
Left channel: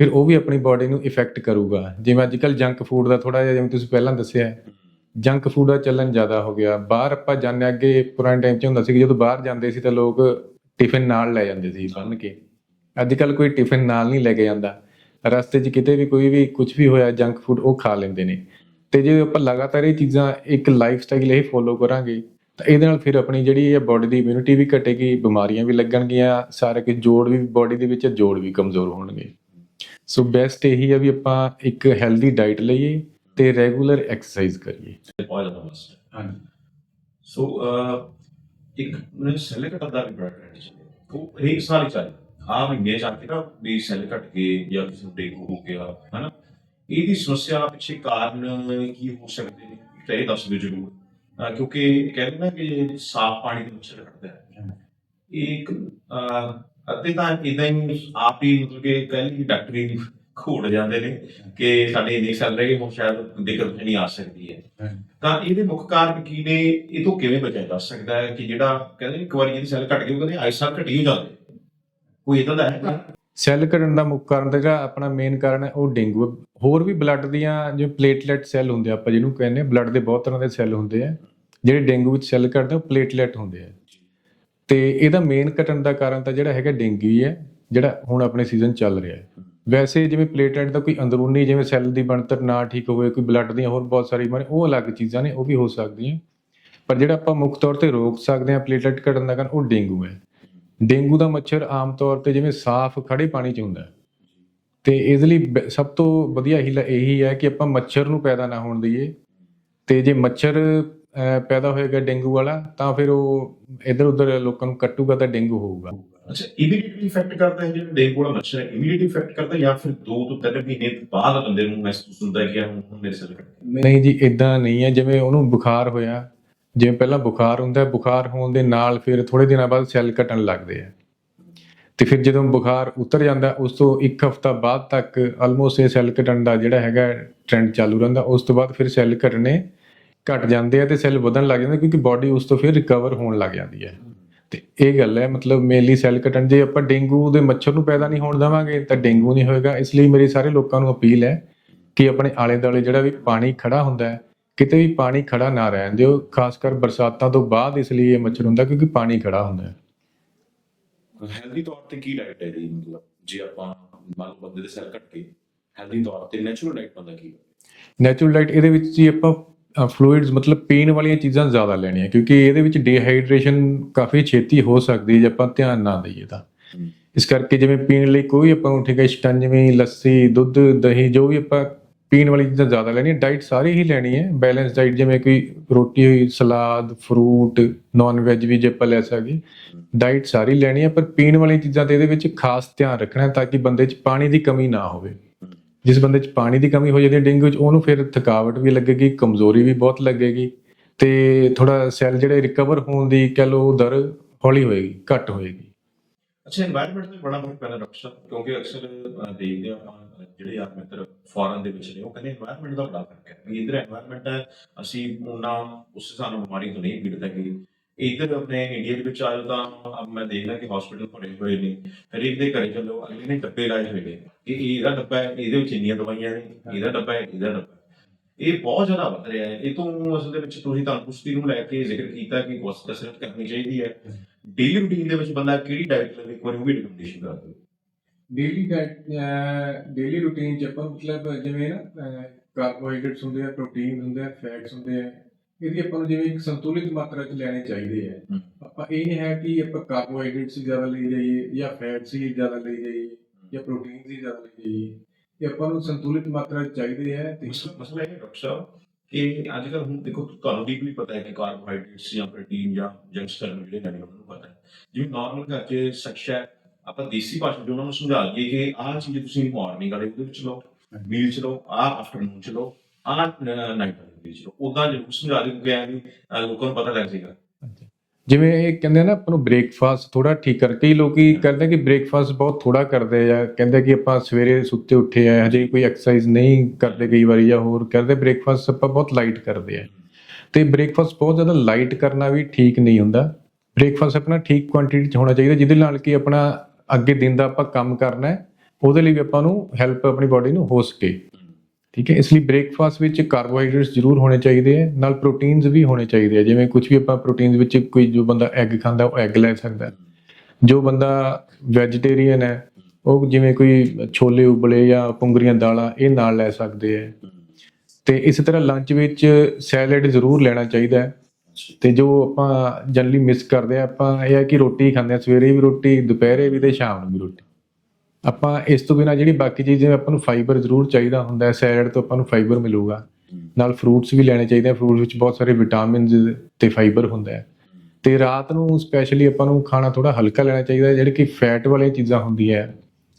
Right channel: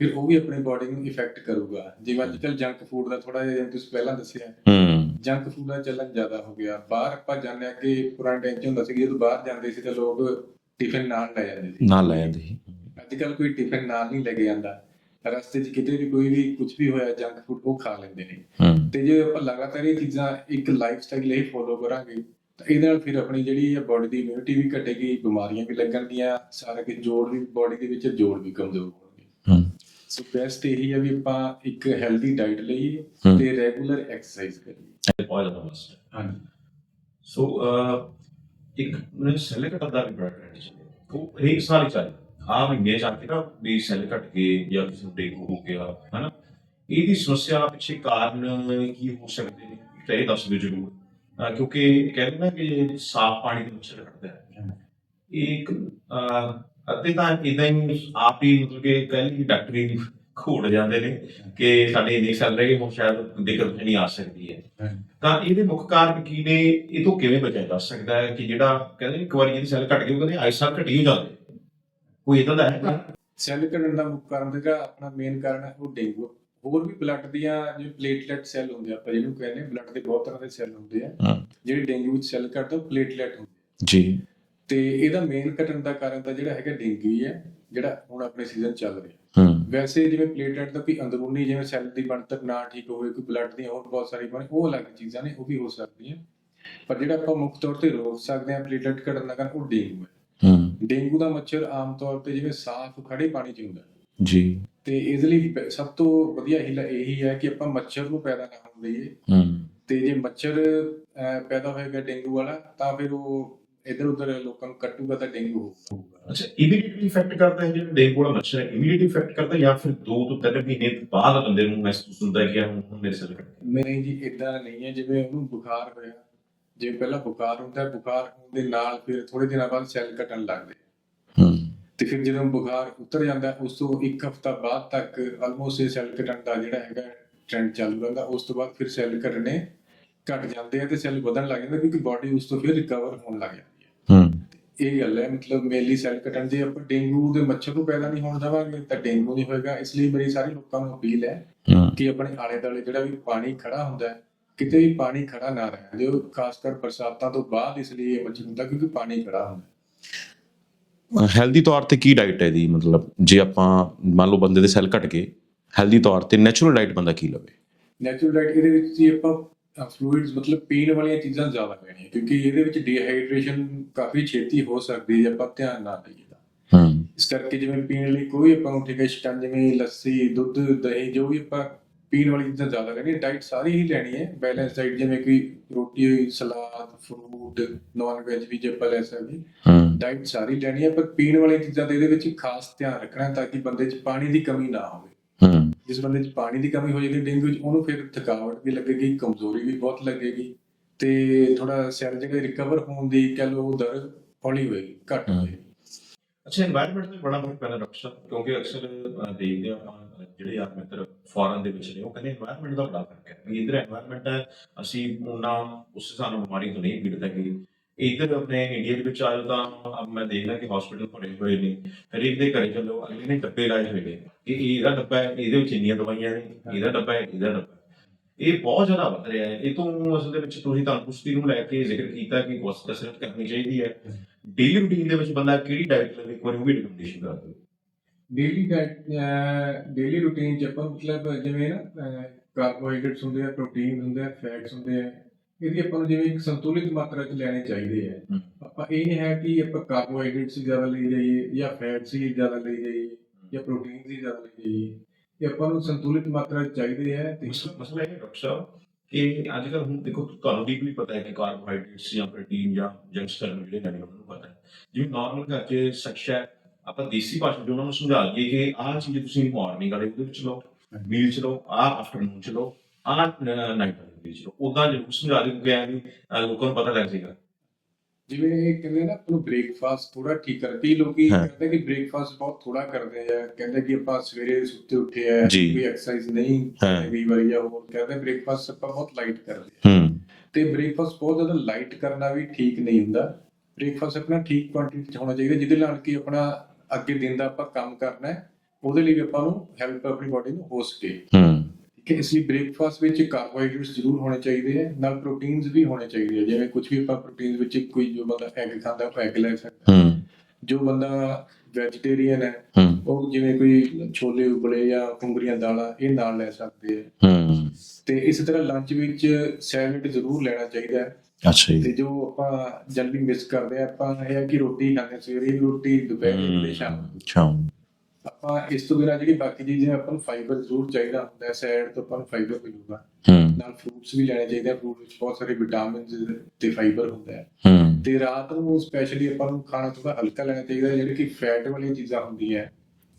ਫਿਰ ਉਹ ਵੀ ਆਪਣੀ ਬਾਡੀ ਨੂੰ ਇਫੈਕਟ ਕਰੂਗਾ। ਜਿਵੇਂ ਅੱਜ ਕੱਲ ਜੰਕ ਫੂਡ ਦਾ ਥੋੜਾ ਜਿਹਾ ਜਿਵੇਂ ਤੁਸੀਂ ਪਹਿਲਾਂ ਦੱਸਿਆ ਹੂੰ। ਜੰਕ ਫੂਡ ਦਾ ਚੱਲਣ ਜ਼ਿਆਦਾ ਹੋ ਗਿਆ। ਬਾਹਰ ਆਪਾਂ ਜਾਂਦੇ ਅੱਗੇ ਪੁਰਾਣੇ ਟਾਈਮ 'ਚ ਹੁੰਦਾ ਸੀ ਕਿ ਜਦੋਂ ਬਾਹਰ ਜਾਂਦੇ ਸੀ ਤਾਂ ਲੋਕ ਟਿਫਿਨ ਨਾਲ ਲੈ ਜਾਂਦੇ ਸੀ। ਨਾਲ ਲੈ ਜਾਂਦੇ ਸੀ। ਅੱਜ ਕੱਲ ਕੋਈ ਟਿਫਿਨ ਨਾਲ ਨਹੀਂ ਲੈ ਕੇ ਜਾਂਦਾ। ਰਸਤੇ 'ਚ ਕਿਤੇ ਵੀ ਕੋਈ ਵੀ ਕੁਝ ਵੀ ਹੋਇਆ ਜੰਕ ਫੂਡ ਉਹ ਖਾ ਲੈਂਦੇ ਨੇ। ਤੇ ਜੇ ਆਪਾਂ ਲਗਾਤਾਰ ਇਹ ਚੀਜ਼ਾਂ ਇੱਕ ਲਾਈਫ ਸਟਾਈਲ ਇਹ ਫੋਲੋ ਕਰਾਂਗੇ ਤਾਂ ਇਹਦੇ ਨਾਲ ਫਿਰ ਆਪਣੀ ਜਿਹੜੀ ਹੈ ਬਾਡੀ ਦੀ ਇਮਿਊਨਿਟੀ ਵੀ ਘਟੇਗੀ ਬਿਮਾਰੀਆਂ ਵੀ ਲੱਗਣਗੀਆਂ ਸਾਰੇ ਕਿ ਜੋੜ ਵੀ ਬਾਡੀ ਦੇ ਵਿੱਚ ਜੋੜ ਵੀ ਕਮਜ਼ੋਰ ਹੋਣਗੇ। ਹੂੰ। ਸੋ ਬੈਸਟ ਇਹੀ ਹੈ ਵੀ ਆਪਾਂ ਇੱਕ ਹੈਲਦੀ ਡਾਈਟ ਲਈਏ। ਤੇ ਰੈਗੂਲਰ ਐਕਸਰਸਾਈਜ਼ ਕਰੀਏ। ਆਇਲ ਦਾ ਮਸਟ ਹਾਂਜੀ। ਸੋ ਇੱਕ ਮੈਨੂੰ ਸੈੱਲ ਘਟਣ ਦਾ ਵੀ ਬੜਾ ਟ੍ਰੈਂਡ ਚੱਲਿਆ। ਉਹ ਹਰੇਕ ਸਾਲ ਹੀ। ਚੱਲ ਆ ਮਹੀਨੇ ਚ ਆ ਕੇ ਨਾ ਵੀ ਸੈੱਲ ਘਟ ਗਏ ਜਾਂ ਕਿਸੇ ਨੂੰ ਡੇਂਗੂ ਹੋ ਗਿਆ ਹਨਾ? ਇਹਦੀ ਸਮੱਸਿਆ ਪਿੱਛੇ ਕਾਰਨ ਕੀ ਹੋ ਸਕਦੇ ਨੇ? ਤਾਂ ਇਹ ਦੱਸ ਦਿਓ ਜਰੂਰ। ਕਿਉਂਕਿ ਕਹਿੰਦੇ ਨਾ ਕਿ ਸਾਫ਼ ਪਾਣੀ ਦੇ ਮੱਛਰ ਕੱਟਦਾ ਹੈ। ਇਹ ਇੱਕ ਅੱਧੇ ਤਾਂ ਇਦਾਂ ਹੀ ਆਪ ਹੀ ਮਤਲਬ ਕਿ ਪਹਿਲੀ ਡਾਕਟਰੀ ਘੋੜ ਜਾਂਦੇ ਨੇ ਕਿ ਸਾਡੇ ਇੰਨੇ ਸੈੱਲ ਰਹੇ ਹੁਣ ਸ਼ਾਇਦ ਦਿੱਕਤ ਨਹੀਂ ਆ ਸਕਦੀ ਹੈ। ਤਾਂ ਇਹਦੇ ਮੁੱਖ ਕਾਰਨ ਕੀ ਨੇ ਇਹ ਤੋਂ ਕਿਵੇਂ ਬਚਿਆ ਜਾ ਸਕਦਾ ਹੈ ਕਿ ਜਿਹੜਾ ਕਹਿੰਦੇ ਇੱਕ ਵਾਰੀ ਜਿਹੜੀ ਸੈੱਲ ਘਟ ਗਈ ਉਹ ਕਹਿੰਦੇ ਆਇਸਾ ਘਟੀ ਹੋ ਜਾਂਦੇ ਕੋਈ ਇਦਾਂ ਦਾ ਹੈ ਸੈੱਲ ਘਟਣ ਦਾ ਮੁੱਖ ਕਾਰਨ ਤਾਂ ਜਿਹੜਾ ਆਪਣਾ ਮੇਨ ਕਾਰਨ ਹੈ ਉਹ ਡੇਂਗੂ ਹੈ। ਹੋਰ ਵੀ ਬਲੱਡ ਦੀਆਂ ਜਿਵੇਂ ਪਲੇਟਲੈਟ ਸੈੱਲ ਹੁੰਦੇ ਆ ਆਪਾਂ ਜਿਹਨੂੰ ਕਹਿੰਦੇ ਆ ਬਲੱਡ ਦੇ ਬਹੁਤ ਤਰ੍ਹਾਂ ਦੇ ਸੈੱਲ ਹੁੰਦੇ ਆ। ਹਾਂ। ਜਿਹੜੇ ਡੇਂਗੂ ਵਿੱਚ ਸੈੱਲ ਘਟਦੇ ਉਹ ਪਲੇਟਲੈਟ ਹੁੰਦੇ ਆ। ਜੀ। ਤੇ ਇਹਦਾ ਮੇਨ ਘਟਣ ਦਾ ਕਾਰਨ ਤਾਂ ਜਿਹੜਾ ਹੈਗਾ ਡੇਂਗੂ ਹੀ ਹੈ ਜਿਹੜਾ ਹੁਣ ਆਪਣੇ ਸੀਜ਼ਨ ਚੱਲ ਰਿਹਾ ਹੈ। ਹੂੰ। ਵੈਸੇ ਜਿਵੇਂ ਪਲੇਟਲੈਟ ਦਾ ਕੋਈ ਅੰਦਰੂਨੀ ਜਿਵੇਂ ਸੈੱਲ ਦੀ ਬਣਤਰ ਨਾ ਠੀਕ ਹੋਵੇ ਕੋਈ ਬਲੱਡ ਦੀਆਂ ਹੋਰ ਬਹੁਤ ਸਾਰੀ ਬਣੇ ਉਹ ਅਲੱਗ ਚੀਜ਼ਾਂ ਨੇ ਉਹ ਵੀ ਹੋ ਸਕਦੀਆਂ। ਪਰ ਜਿਹੜਾ ਆਪਾਂ ਮੁੱਖ ਤੌਰ ਤੇ ਰੋਕ ਸਕਦੇ ਹਾਂ ਪਲੇਟਲੈਟ ਘਟਣ ਦਾ ਕਾਰਨ ਉਹ ਡੇਂਗੂ ਹੂੰ। ਡੇਂਗੂ ਦਾ ਮੱਛਰ ਆਮ ਤੌਰ ਤੇ ਜਿਵੇਂ ਸਾਫ਼ ਖੜੇ ਪਾਣੀ 'ਚ ਹੁੰਦਾ ਜੀ। ਤੇ ਇਸ ਲਈ ਸਭ ਤੋਂ ਵਧੀਆ ਹੀਲਾ ਇਹੀ ਹੈ ਕਿ ਆਪਾਂ ਮੱਛਰ ਨੂੰ ਪੈਦਾ ਨਾ ਹੋਣ ਦਈਏ। ਹੂੰ। ਤੇ ਜੇ ਮੱਛਰ ਪੈਦਾ ਹੋਏਗਾ ਡੇਂਗੂ ਵਾਲਾ ਤਾਂ ਫਿਰ ਉਹ ਇਧਰ ਉਧਰ ਲੋਕਾਂ ਨੂੰ ਕੱਟੂਗਾ ਤਾਂ ਡੇਂਗੂ ਹੋਊਗਾ। ਅੱਛਾ ਇਮੀਡੀਏਟਲੀ ਇਫੈਕਟ ਕਰਦਾ ਹੈ ਜਿਹੜਾ ਡੇਂਗੂ ਵਾਲਾ ਮੱਛਰ ਹੈ ਇਮੀਡੀਏਟਲੀ ਇਫੈਕਟ ਕਰਦਾ ਜਾਂ ਫਿਰ 2 ਤੋਂ 3 ਮਹੀਨੇ ਬਾਅਦ ਬੰਦੇ ਨੂੰ ਮਹਿਸੂਸ ਹੁੰਦਾ ਹੈ ਕਿ ਹੁਣ ਮੇਰੇ ਗਏ ਨਹੀਂ ਜੀ ਇਦਾਂ ਨਹੀਂ ਹੈ ਜਿਵੇਂ ਉਹਨੂੰ ਬੁਖਾਰ ਹੋਇਆ ਜਿਵੇਂ ਪਹਿਲਾਂ ਬੁਖਾਰ ਹੁੰਦਾ ਹੈ ਬੁਖਾਰ ਹੋਣ ਦੇ ਨਾਲ ਫਿਰ ਥੋੜੇ ਦਿਨਾਂ ਬਾਅਦ ਸੈੱਲ ਘਟਣ ਲੱਗਦੇ ਆ। ਹੂੰ। ਤੇ ਫਿਰ ਜਦੋਂ ਬੁਖਾਰ ਉਤਰ ਜਾਂਦਾ ਉਸ ਤੋਂ ਇੱਕ ਹਫ਼ਤਾ ਬਾਅਦ ਤੱਕ ਆਲਮੋਸਟ ਇਹ ਸੈੱਲ ਘਟਣ ਦਾ ਜਿਹੜਾ ਹੈਗਾ ਟ੍ਰੈਂਡ ਚਾਲੂ ਰਹਿੰਦਾ ਉਸ ਤੋਂ ਬਾਅਦ ਫਿਰ ਸੈੱਲ ਘਟਣੇ ਘਟ ਜਾਂਦੇ ਆ ਤੇ ਸੈੱਲ ਵਧਣ ਲੱਗ ਜਾਂਦੇ ਕਿਉਂਕਿ ਬਾਡੀ ਉਸ ਤੋਂ ਫਿਰ ਰਿਕਵਰ ਹੋਣ ਲੱਗ ਜਾਂਦੀ ਹੈ। ਹੂੰ। ਤੇ ਇਹ ਗੱਲ ਹੈ ਮਤਲਬ ਮੇਨਲੀ ਸੈੱਲ ਘਟਣ ਜੇ ਆਪਾਂ ਡੇਂਗੂ ਦੇ ਮੱਛਰ ਨੂੰ ਪੈਦਾ ਨਹੀਂ ਹੋਣ ਦੇਵਾਂਗੇ ਤਾਂ ਡੇਂਗੂ ਨਹੀਂ ਹੋਏਗਾ। ਇਸ ਲਈ ਮੇਰੀ ਸਾਰੇ ਲੋਕਾਂ ਨੂੰ ਅਪੀਲ ਹੈ ਕਿ ਆਪਣੇ ਆਲੇ ਦੁਆਲੇ ਜਿਹੜਾ ਵੀ ਪਾਣੀ ਖੜਾ ਹੁੰਦਾ ਹੈ ਕਿਤੇ ਵੀ ਪਾਣੀ ਖੜਾ ਨਾ ਰਹਿਣ ਦਿਓ ਖਾਸ ਕਰ ਬਰਸਾਤਾਂ ਤੋਂ ਬਾਅਦ ਇਸ ਲਈ ਇਹ ਮੱਛਰ ਹੁੰਦਾ ਕਿਉਂਕਿ ਪਾਣੀ ਖੜਾ ਹੁੰਦਾ ਹੈ। ਹੈਲਦੀ ਤੌਰ ਤੇ ਕੀ ਡਾਈਟ ਹੈ ਦੀ ਮਤਲਬ ਜੇ ਆਪਾਂ ਮੰਨ ਲਓ ਬੰਦੇ ਦੇ ਸੈੱਲ ਘਟ ਗਏ ਹੈਲਦੀ ਤੌਰ ਤੇ ਨੈਚੁਰਲ ਡਾਈਟ ਬੰਦਾ ਕੀ ਲਵੇ? ਨੈਚੁਰਲ ਡਾਈਟ ਇਹਦੇ ਵਿੱਚ ਜੀ ਆਪਾਂ ਫਲੂਇਡਸ ਮਤਲਬ ਪੀਣ ਵਾਲੀਆਂ ਚੀਜ਼ਾਂ ਜ਼ਿਆਦਾ ਲੈਣੀਆਂ ਕਿਉਂਕਿ ਇਹਦੇ ਵਿੱਚ ਡੀਹਾਈਡਰੇਸ਼ਨ ਕਾਫੀ ਛੇਤੀ ਹੋ ਸਕਦੀ ਹੈ ਜੇ ਆਪਾਂ ਧਿਆਨ ਨਾ ਦਈਏ ਤਾਂ। ਇਸ ਕਰਕੇ ਜਿਵੇਂ ਪੀਣ ਲਈ ਕੋਈ ਆਪਾਂ ਨੂੰ ਠੀਕ ਹੈ ਲੱਸੀ ਦੁੱਧ ਦਹੀਂ ਜੋ ਵੀ ਆਪਾਂ ਪੀਣ ਵਾਲੀ ਚੀਜ਼ਾਂ ਜ਼ਿਆਦਾ ਲੈਣੀ ਡਾਈਟ ਸਾਰੀ ਹੀ ਲੈਣੀ ਹੈ ਬੈਲੈਂਸ ਡਾਈਟ ਜਿਵੇਂ ਕੋਈ ਰੋਟੀ ਹੋਈ ਸਲਾਦ ਫਰੂਟ ਨਾਨ ਵੈਜ ਵੀ ਜੇ ਆਪਾਂ ਲੈ ਸਕਦੇ ਹੂੰ। ਡਾਈਟ ਸਾਰੀ ਲੈਣੀ ਹੈ ਪਰ ਪੀਣ ਵਾਲੀਆਂ ਚੀਜ਼ਾਂ ਤੇ ਇਹਦੇ ਵਿੱਚ ਖਾਸ ਧਿਆਨ ਰੱਖਣਾ ਹੈ ਤਾਂ ਕਿ ਬੰਦੇ 'ਚ ਪਾਣੀ ਦੀ ਕਮੀ ਨਾ ਹੋਵੇ। ਹੂੰ। ਜਿਸ ਬੰਦੇ 'ਚ ਪਾਣੀ ਦੀ ਕਮੀ ਹੋ ਜਾਂਦੀ ਹੈ ਡੇਂਗੂ 'ਚ ਉਹਨੂੰ ਫਿਰ ਥਕਾਵਟ ਵੀ ਲੱਗੇਗੀ ਕਮਜ਼ੋਰੀ ਵੀ ਬਹੁਤ ਲੱਗੇਗੀ ਤੇ ਥੋੜਾ ਸੈੱਲ ਜਿਹੜੇ ਰਿਕਵਰ ਹੋਣ ਦੀ ਕਹ ਲਓ ਦਰ ਹੌਲੀ ਹੋਏਗੀ ਘੱਟ ਹੋਏਗੀ। ਅੱਛਾ এনवायरमेंट ਤੇ ਬੜਾ ਫ਼ਰਕ ਪੈਂਦਾ ਡਾਕਟਰ ਕਿਉਂਕਿ ਅਕਸਰ ਦੇਖਦੇ ਆ ਜਿਹੜੇ ਯਾਰ ਮਿੱਤਰ ਫੋਰਨ ਦੇ ਵਿੱਚ ਨੇ, ਉਹ ਕਹਿੰਦੇ এনवायरमेंट ਦਾ ਬੜਾ ਫ਼ਰਕ ਹੈ। ਵੀ ਇਧਰ এনवायरमेंट ਹੈ, ਅਸੀਂ ਉਹਨਾਂ ਉਸ ਸਾਨੂੰ ਬਿਮਾਰੀ ਤੋਂ ਨਹੀਂ ਪੀੜਤ ਹੈਗੇ। ਇਧਰ ਆਪਣੇ ਇੰਡੀਆ ਦੇ ਵਿੱਚ ਆਇਓ ਤਾਂ ਅਬ ਮੈਂ ਦੇਖਦਾ ਕਿ ਹਸਪੀਟਲ ਭਰੇ ਹੋਏ ਨੇ। ਹਰੇਕ ਦੇ ਘਰੇ ਚੱਲੋ, ਅਗਲੇ ਨੇ ਡੱਬੇ ਲਾਏ ਹੋਏ ਨੇ। ਕਿ ਇਹਦਾ ਡੱਬਾ ਹੈ, ਇਹਦੇ ਵਿੱਚ ਇੰਨੀਆਂ ਦਵਾਈਆਂ ਨੇ, ਇਹਦਾ ਡੱਬਾ ਹੈ, ਇਹਦਾ ਡੱਬਾ ਇਹ ਬਹੁਤ ਜ਼ਿਆਦਾ ਵੱਧ ਰਿਹਾ ਹੈ। ਇਹ ਤੋਂ ਅਸਲ ਦੇ ਵਿੱਚ ਤੁਸੀਂ ਤਾਂ ਪੁਸ਼ਤੀ ਨੂੰ ਲੈ ਕੇ ਜ਼ਿਕਰ ਕੀਤਾ ਕਿ ਕਸਰਤ ਕਰਨੀ ਚਾਹੀਦੀ ਹੈ। ਡੇਲੀ ਰੂਟੀਨ ਦੇ ਵਿੱਚ ਬੰਦਾ ਕਿਹੜੀ ਡਾਈਟ ਲਵੇ ਇੱਕ ਵਾਰੀ ਉਹ ਵੀ ਰਿਕਮੈਂਡੇਸ਼ਨ ਕਰ ਦਿਓ ਡੇਲੀ ਡਾਈਟ ਡੇਲੀ ਰੂਟੀਨ ਚ ਆਪਾਂ ਮਤਲਬ ਜਿਵੇਂ ਨਾ ਕਾਰਬੋਹਾਈਡਰੇਟਸ ਹੁੰਦੇ ਆ ਪ੍ਰੋਟੀਨ ਹੁੰਦੇ ਆ ਫੈਟਸ ਹੁੰਦੇ ਆ ਇਹਦੀ ਆਪਾਂ ਨੂੰ ਜਿਵੇਂ ਇੱਕ ਸੰਤੁਲਿਤ ਮਾਤਰਾ ਚ ਲੈਣੇ ਚਾਹੀਦੇ ਆ। ਆਪਾਂ ਇਹ ਨਹੀਂ ਹੈ ਕਿ ਆਪਾਂ ਕਾਰਬੋਹਾਈਡਰੇਟਸ ਹੀ ਜ਼ਿਆਦਾ ਲਈ ਜਾਈਏ ਜਾਂ ਫੈਟਸ ਹੀ ਜ਼ਿਆਦਾ ਲਈ ਜਾਈਏ ਜਾਂ ਪ੍ਰੋਟੀਨਸ ਹੀ ਜ਼ਿਆਦਾ ਲਈ ਜਾਈਏ। ਇਹ ਆਪਾਂ ਨੂੰ ਸੰਤੁਲਿਤ ਮਾਤਰਾ ਚ ਚਾਹੀਦੇ ਆ ਮਸਲਾ ਇਹ ਹੈ ਡਾਕਟਰ ਸਾਹਿਬ ਕਿ ਅੱਜ ਕੱਲ੍ਹ ਹੁਣ ਦੇਖੋ, ਤੁਹਾਨੂੰ ਡੀਪਲੀ ਪਤਾ ਹੈ ਕਿ ਕਾਰਬੋਹਾਈਡਰੇਟਸ ਜਾਂ ਪ੍ਰੋਟੀਨ ਜਾਂ ਜੰਕ ਜਿਹੜੇ ਲੈਣੇ ਉਹਨਾਂ ਨੂੰ ਪਤਾ ਹੈ। ਜਿਵੇਂ ਨਾਰਮਲ ਘਰ 'ਚ ਸਖਸ਼ਾ ਆਪਾਂ ਦੇਸੀ ਭਾਸ਼ਾ 'ਚ ਉਹਨਾਂ ਨੂੰ ਸਮਝਾ ਦਈਏ ਕਿ ਆਹ ਚੀਜ਼ ਤੁਸੀਂ ਮਾਰਨਿੰਗ ਵਾਲੇ ਉਹਦੇ ਵਿੱਚ ਲਓ ਮੀਲ 'ਚ ਲਓ, ਆਹ ਆਫਟਰਨੂਨ 'ਚ ਲਓ, ਆਹ ਨਾਈਟ ਵਾਲੇ ਵਿੱਚ ਲਓ। ਉਦਾਂ ਜ਼ਰੂਰ ਸਮਝਾ ਦਿਓ ਕਿ ਐਂ ਵੀ ਲੋਕਾਂ ਨੂੰ ਪਤਾ ਲੱਗ ਜਾਏਗਾ। ਜਿਵੇਂ ਇਹ ਕਹਿੰਦੇ ਨਾ ਆਪਾਂ ਨੂੰ ਬ੍ਰੇਕਫਾਸਟ ਥੋੜਾ ਠੀਕ ਕਰ ਕਈ ਲੋਕੀ ਆ ਕਿ ਬ੍ਰੇਕਫਾਸਟ ਬਹੁਤ ਥੋੜਾ ਕਰਦੇ ਆ ਕਹਿੰਦੇ ਕਿ ਆਪਾਂ ਸਵੇਰੇ ਸੁੱਤੇ ਉੱਠੇ ਆ ਹਜੇ ਜੀ। ਕੋਈ ਐਕਸਰਸਾਈਜ਼ ਨਹੀਂ ਕਰਦੇ। ਕਈ ਵਾਰੀ ਜਾਂ ਹੋਰ ਕਰਦੇ ਬ੍ਰੇਕਫਾਸਟ ਆਪਾਂ ਬਹੁਤ ਲਾਈਟ ਕਰਦੇ ਆ। ਤੇ ਬ੍ਰੇਕਫਾਸਟ ਬਹੁਤ ਜ਼ਿਆਦਾ ਲਾਈਟ ਕਰਨਾ ਵੀ ਠੀਕ ਨਹੀਂ ਹੁੰਦਾ। ਬ੍ਰੇਕਫਾਸਟ ਆਪਣਾ ਠੀਕ ਕੁਆਂਟੀਟੀ ਚ ਹੋਣਾ ਚਾਹੀਦਾ ਜਿਹਦੇ ਨਾਲ ਕਿ ਆਪਣਾ ਅੱਗੇ ਦਿਨ ਦਾ ਆਪਾਂ ਕੰਮ ਕਰਨਾ ਹੈ ਉਹਦੇ ਲਈ ਵੀ ਆਪਾਂ ਨੂੰ ਹੈਲਪ ਆਪਣੀ ਬਾਡੀ ਨੂੰ ਹੋ ਸਕੇ। ਹੂੰ। ਠੀਕ ਹੈ ਇਸ ਲਈ ਬ੍ਰੇਕਫਾਸਟ ਵਿੱਚ ਕਾਰਬੋਹਾਈਡਰੇਟਸ ਜ਼ਰੂਰ ਹੋਣੇ ਚਾਹੀਦੇ ਆ ਨਾਲ ਪ੍ਰੋਟੀਨਸ ਵੀ ਹੋਣੇ ਚਾਹੀਦੇ ਆ ਜਿਵੇਂ ਕੁਝ ਵੀ ਆਪਾਂ ਪ੍ਰੋਟੀਨਸ ਵਿੱਚ ਕੋਈ ਜੋ ਬੰਦਾ ਐਗ ਖਾਂਦਾ ਉਹ ਐਗ ਲੈ ਸਕਦਾ ਹੈ। ਹੂੰ। ਜੋ ਬੰਦਾ ਵੈਜੀਟੇਰੀਅਨ ਹੈ ਹੂੰ। ਉਹ ਜਿਵੇਂ ਕੋਈ ਛੋਲੇ ਉਬਲੇ ਜਾਂ ਪੁੰਗਰੀਆਂ ਦਾਲਾਂ ਇਹ ਨਾਲ ਲੈ ਸਕਦੇ ਆ ਹੂੰ। ਤੇ ਇਸ ਤਰ੍ਹਾਂ ਲੰਚ ਵਿੱਚ ਸੈਲਡ ਜ਼ਰੂਰ ਲੈਣਾ ਚਾਹੀਦਾ ਹੈ। ਅੱਛਾ ਜੀ। ਤੇ ਜੋ ਆਪਾਂ ਜਨਰਲੀ ਮਿਸ ਕਰਦੇ ਆ ਆਪਾਂ ਇਹ ਹੈ ਕਿ ਰੋਟੀ ਖਾਂਦੇ ਆ ਸਵੇਰੇ ਵੀ ਰੋਟੀ ਦੁਪਹਿਰੇ ਵੀ ਤੇ ਸ਼ਾਮ ਨੂੰ ਵੀ ਰੋਟੀ। ਆਪਾਂ ਇਸ ਤੋਂ ਬਿਨਾ ਜਿਹੜੀ ਬਾਕੀ ਚੀਜ਼ਾਂ ਆਪਾਂ ਨੂੰ ਫਾਈਬਰ ਜ਼ਰੂਰ ਚਾਹੀਦਾ ਹੁੰਦਾ ਹੈ ਸੈਲਡ ਤੋਂ ਆਪਾਂ ਨੂੰ ਫਾਈਬਰ ਮਿਲੂਗਾ। ਨਾਲ ਫਰੂਟਸ ਵੀ ਲੈਣੇ ਚਾਹੀਦੇ ਆ ਫਰੂਟ ਵਿੱਚ ਬਹੁਤ ਸਾਰੇ ਵਿਟਾਮਿਨਸ ਤੇ ਫਾਈਬਰ ਹੁੰਦਾ ਹੈ। ਤੇ ਰਾਤ ਨੂੰ ਸਪੈਸ਼ਲੀ ਆਪਾਂ ਨੂੰ ਖਾਣਾ ਥੋੜਾ ਹਲਕਾ ਲੈਣਾ ਚਾਹੀਦਾ ਹੈ ਜਿਹੜੇ ਕਿ ਫੈਟ ਵਾਲੀਆਂ ਚੀਜ਼ਾਂ ਹੁੰਦੀਆਂ ਹੈ।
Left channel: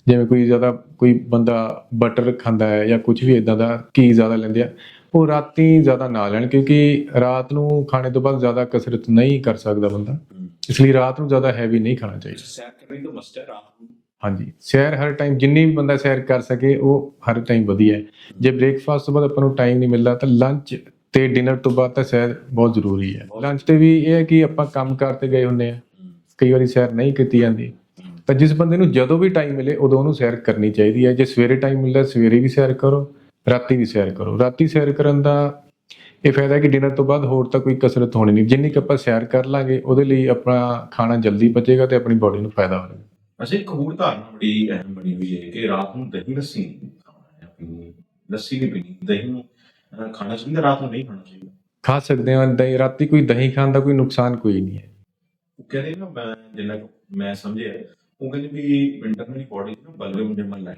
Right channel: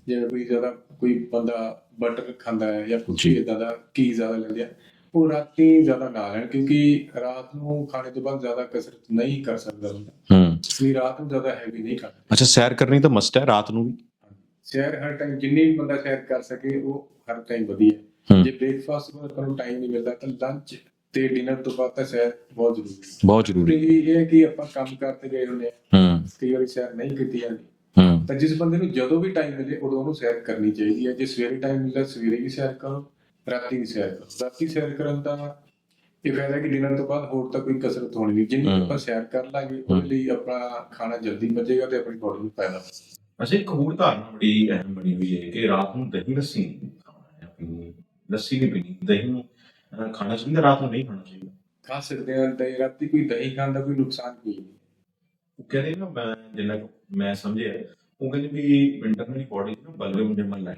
ਜਿਵੇਂ ਕੋਈ ਜ਼ਿਆਦਾ ਕੋਈ ਬੰਦਾ ਬਟਰ ਖਾਂਦਾ ਹੈ ਜਾਂ ਕੁਝ ਵੀ ਇਦਾਂ ਦਾ ਘੀ ਜ਼ਿਆਦਾ ਲੈਂਦੇ ਆ ਉਹ ਰਾਤੀ ਜ਼ਿਆਦਾ ਨਾ ਲੈਣ ਕਿਉਂਕਿ ਰਾਤ ਨੂੰ ਖਾਣੇ ਤੋਂ ਬਾਅਦ ਜ਼ਿਆਦਾ ਕਸਰਤ ਨਹੀਂ ਕਰ ਸਕਦਾ ਬੰਦਾ। ਇਸ ਲਈ ਰਾਤ ਨੂੰ ਜ਼ਿਆਦਾ ਹੈਵੀ ਨਹੀਂ ਖਾਣਾ ਚਾਹੀਦਾ। ਅੱਛਾ ਸੈਰ ਕਰਨੀ ਤਾਂ ਮਸਟ ਹੈ ਰਾਤ ਨੂੰ ਹਾਂਜੀ ਸੈਰ ਹਰ ਟਾਈਮ ਜਿੰਨੀ ਵੀ ਬੰਦਾ ਸੈਰ ਕਰ ਸਕੇ ਉਹ ਹਰ ਟਾਈਮ ਵਧੀਆ ਹੈ। ਜੇ ਬ੍ਰੇਕਫਾਸਟ ਤੋਂ ਬਾਅਦ ਆਪਾਂ ਨੂੰ ਟਾਈਮ ਨਹੀਂ ਮਿਲਦਾ ਤਾਂ ਲੰਚ ਤੇ ਡਿਨਰ ਤੋਂ ਬਾਅਦ ਤਾਂ ਸੈਰ ਬਹੁਤ ਜ਼ਰੂਰੀ ਹੈ। ਲੰਚ। ਤੇ ਵੀ ਇਹ ਹੈ ਕਿ ਆਪਾਂ ਕੰਮ ਕਰਤੇ ਗਏ ਹੁੰਨੇ ਆ ਕਈ ਵਾਰੀ ਸੈਰ ਨਹੀਂ ਕੀਤੀ ਜਾਂਦੀ। ਤਾਂ ਜਿਸ ਬੰਦੇ ਨੂੰ ਜਦੋਂ ਵੀ ਟਾਈਮ ਮਿਲੇ ਉਦੋਂ ਉਹਨੂੰ ਸੈਰ ਕਰਨੀ ਚਾਹੀਦੀ ਹੈ। ਜੇ ਸਵੇਰੇ ਟਾਈਮ ਮਿਲਦਾ ਸਵੇਰੇ ਵੀ ਸੈਰ ਕਰੋ ਰਾਤੀ ਵੀ ਸੈਰ ਕਰੋ। ਰਾਤੀ ਸੈਰ ਕਰਨ ਦਾ ਇਹ ਫਾਇਦਾ ਹੈ ਕਿ ਡਿਨਰ ਤੋਂ ਬਾਅਦ ਹੋਰ ਤਾਂ ਕੋਈ ਕਸਰਤ ਹੋਣੀ ਨਹੀਂ। ਜਿੰਨੀ ਕੁ। ਆਪਾਂ ਸੈਰ ਕਰ ਲਾਂਗੇ ਉਹਦੇ ਲਈ ਆਪਣਾ ਖਾਣਾ ਜਲਦੀ ਪਚੇਗਾ ਤੇ ਆਪਣੀ ਬਾਡੀ ਨੂੰ ਫਾਇਦਾ ਹੋਵੇਗਾ ਅੱਛਾ ਇੱਕ ਹੋਰ ਧਾਰਨਾ ਬੜੀ ਅਹਿਮ ਬਣੀ ਹੋਈ ਹੈ ਕਿ ਰਾਤ ਨੂੰ ਦਹੀਂ ਲੱਸੀ ਨਹੀਂ ਖਾਣਾ ਹੈ ਪੀਣੀ ਲੱਸੀ ਨਹੀਂ ਪੀਣੀ ਦਹੀਂ ਅਹ, ਖਾਣਾ ਚਾਹੀਦਾ ਰਾਤ ਨੂੰ ਨਹੀਂ ਖਾਣਾ ਚਾਹੀਦਾ। ਖਾ ਸਕਦੇ ਹਾਂ ਦਹੀਂ ਰਾਤੀ ਕੋਈ ਦਹੀਂ ਖਾਣ ਦਾ ਕੋਈ ਨੁਕਸਾਨ ਕੋਈ ਨਹੀਂ ਹੈ। ਉਹ ਕਹਿੰਦੇ ਨਾ ਮੈਂ ਜਿੰਨਾ ਮੈਂ ਸਮਝਿਆ ਉਹ ਕਹਿੰਦੇ ਵੀ ਇੰਟਰਨਲੀ ਬੋਡੀ ਨੂੰ ਬਲਵੇ ਮੁੰਡੇ ਮਨ ਲਾਈ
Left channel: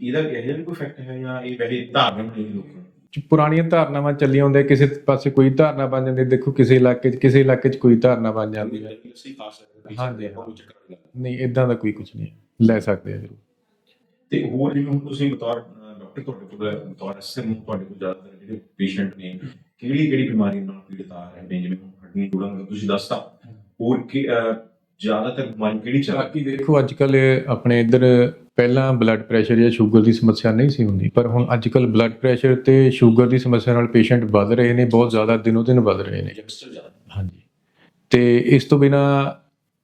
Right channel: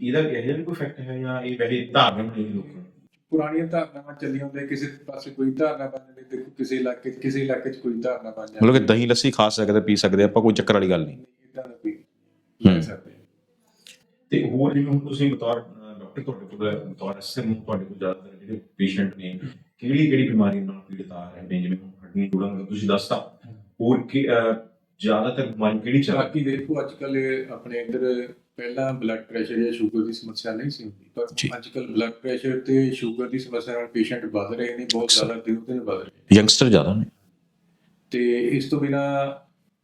ਇਹਦਾ ਇਹ ਕੋਈ ਫੈਕਟ ਹੈ ਜਾਂ ਇਹ ਵੈਸੇ ਧਾਰਨਾ ਹੋਈ ਲੋਕਾਂ? ਪੁਰਾਣੀਆਂ ਧਾਰਨਾਵਾਂ ਚੱਲੀਆਂ ਹੁੰਦੀਆਂ ਕਿਸੇ ਪਾਸੇ ਕੋਈ ਧਾਰਨਾ ਬਣ ਜਾਂਦੀ ਦੇਖੋ ਕਿਸੇ ਇਲਾਕੇ 'ਚ ਕਿਸੇ ਇਲਾਕੇ 'ਚ ਕੋਈ ਧਾਰਨਾ ਬਣ ਜਾਂਦੀ ਮਤਲਬ ਕਿ ਦਹੀਂ ਲੱਸੀ ਖਾ ਸਕਦੇ ਪੀ ਸਕਦੇ ਆਪਾਂ ਕੋਈ ਚੱਕਰ ਵਾਲੀ ਗੱਲ ਨਹੀਂ। ਨਹੀਂ ਇਦਾਂ ਦਾ ਕੋਈ ਕੁਝ ਨਹੀਂ। ਲੈ। ਸਕਦੇ ਆ ਜ਼ਰੂਰ। ਤੇ ਹੋਰ ਜਿਵੇਂ ਹੁਣ ਤੁਸੀਂ ਬਤੌਰ ਡਾਕਟਰ ਤੁਹਾਡੇ ਕੋਲ ਬਤੌਰ ਐਸਐਮ ਤੁਹਾਡੇ ਕੋਲ ਜ਼ਿਆਦਾਤਰ ਜਿਹੜੇ ਪੇਸ਼ੈਂਟ ਨੇ ਕਿਹੜੀ ਕਿਹੜੀ ਬਿਮਾਰੀ ਨਾਲ ਪੀੜਤ ਆ ਰਹੇ ਨੇ? ਜਿਵੇਂ ਹੁਣ ਹੱਡੀਆਂ ਜੋੜਾਂ ਦਾ ਤੁਸੀਂ ਦੱਸਤਾ ਹੋਰ ਕਿ ਜ਼ਿਆਦਾਤਰ ਬਿਮਾਰੀ ਕਿਹੜੀ ਚੱਲ ਬਾਕੀ ਦੇਖੋ ਅੱਜ ਕੱਲ ਆਪਣੇ ਇੱਧਰ ਪਹਿਲਾਂ ਬਲੱਡ ਪ੍ਰੈਸ਼ਰ ਜਾਂ ਸ਼ੂਗਰ ਦੀ ਸਮੱਸਿਆ ਨਹੀਂ ਸੀ ਹੁੰਦੀ ਪਰ। ਹੁਣ ਅੱਜ ਕੱਲ ਬਲੱਡ ਪ੍ਰੈਸ਼ਰ ਤੇ ਸ਼ੂਗਰ ਦੀ ਸਮੱਸਿਆ ਨਾਲ ਪੇਸ਼ੈਂਟ ਵੱਧ ਰਹੇ ਨੇ ਬਹੁਤ ਜ਼ਿਆਦਾ ਦਿਨੋਂ ਦਿਨ ਵੱਧ ਰਹੇ ਨੇ। ਯੰਗਸਟਰ ਜ਼ਿਆਦਾ ਨੇ। ਹਾਂਜੀ। ਤੇ ਇਸ ਤੋਂ ਬਿਨਾ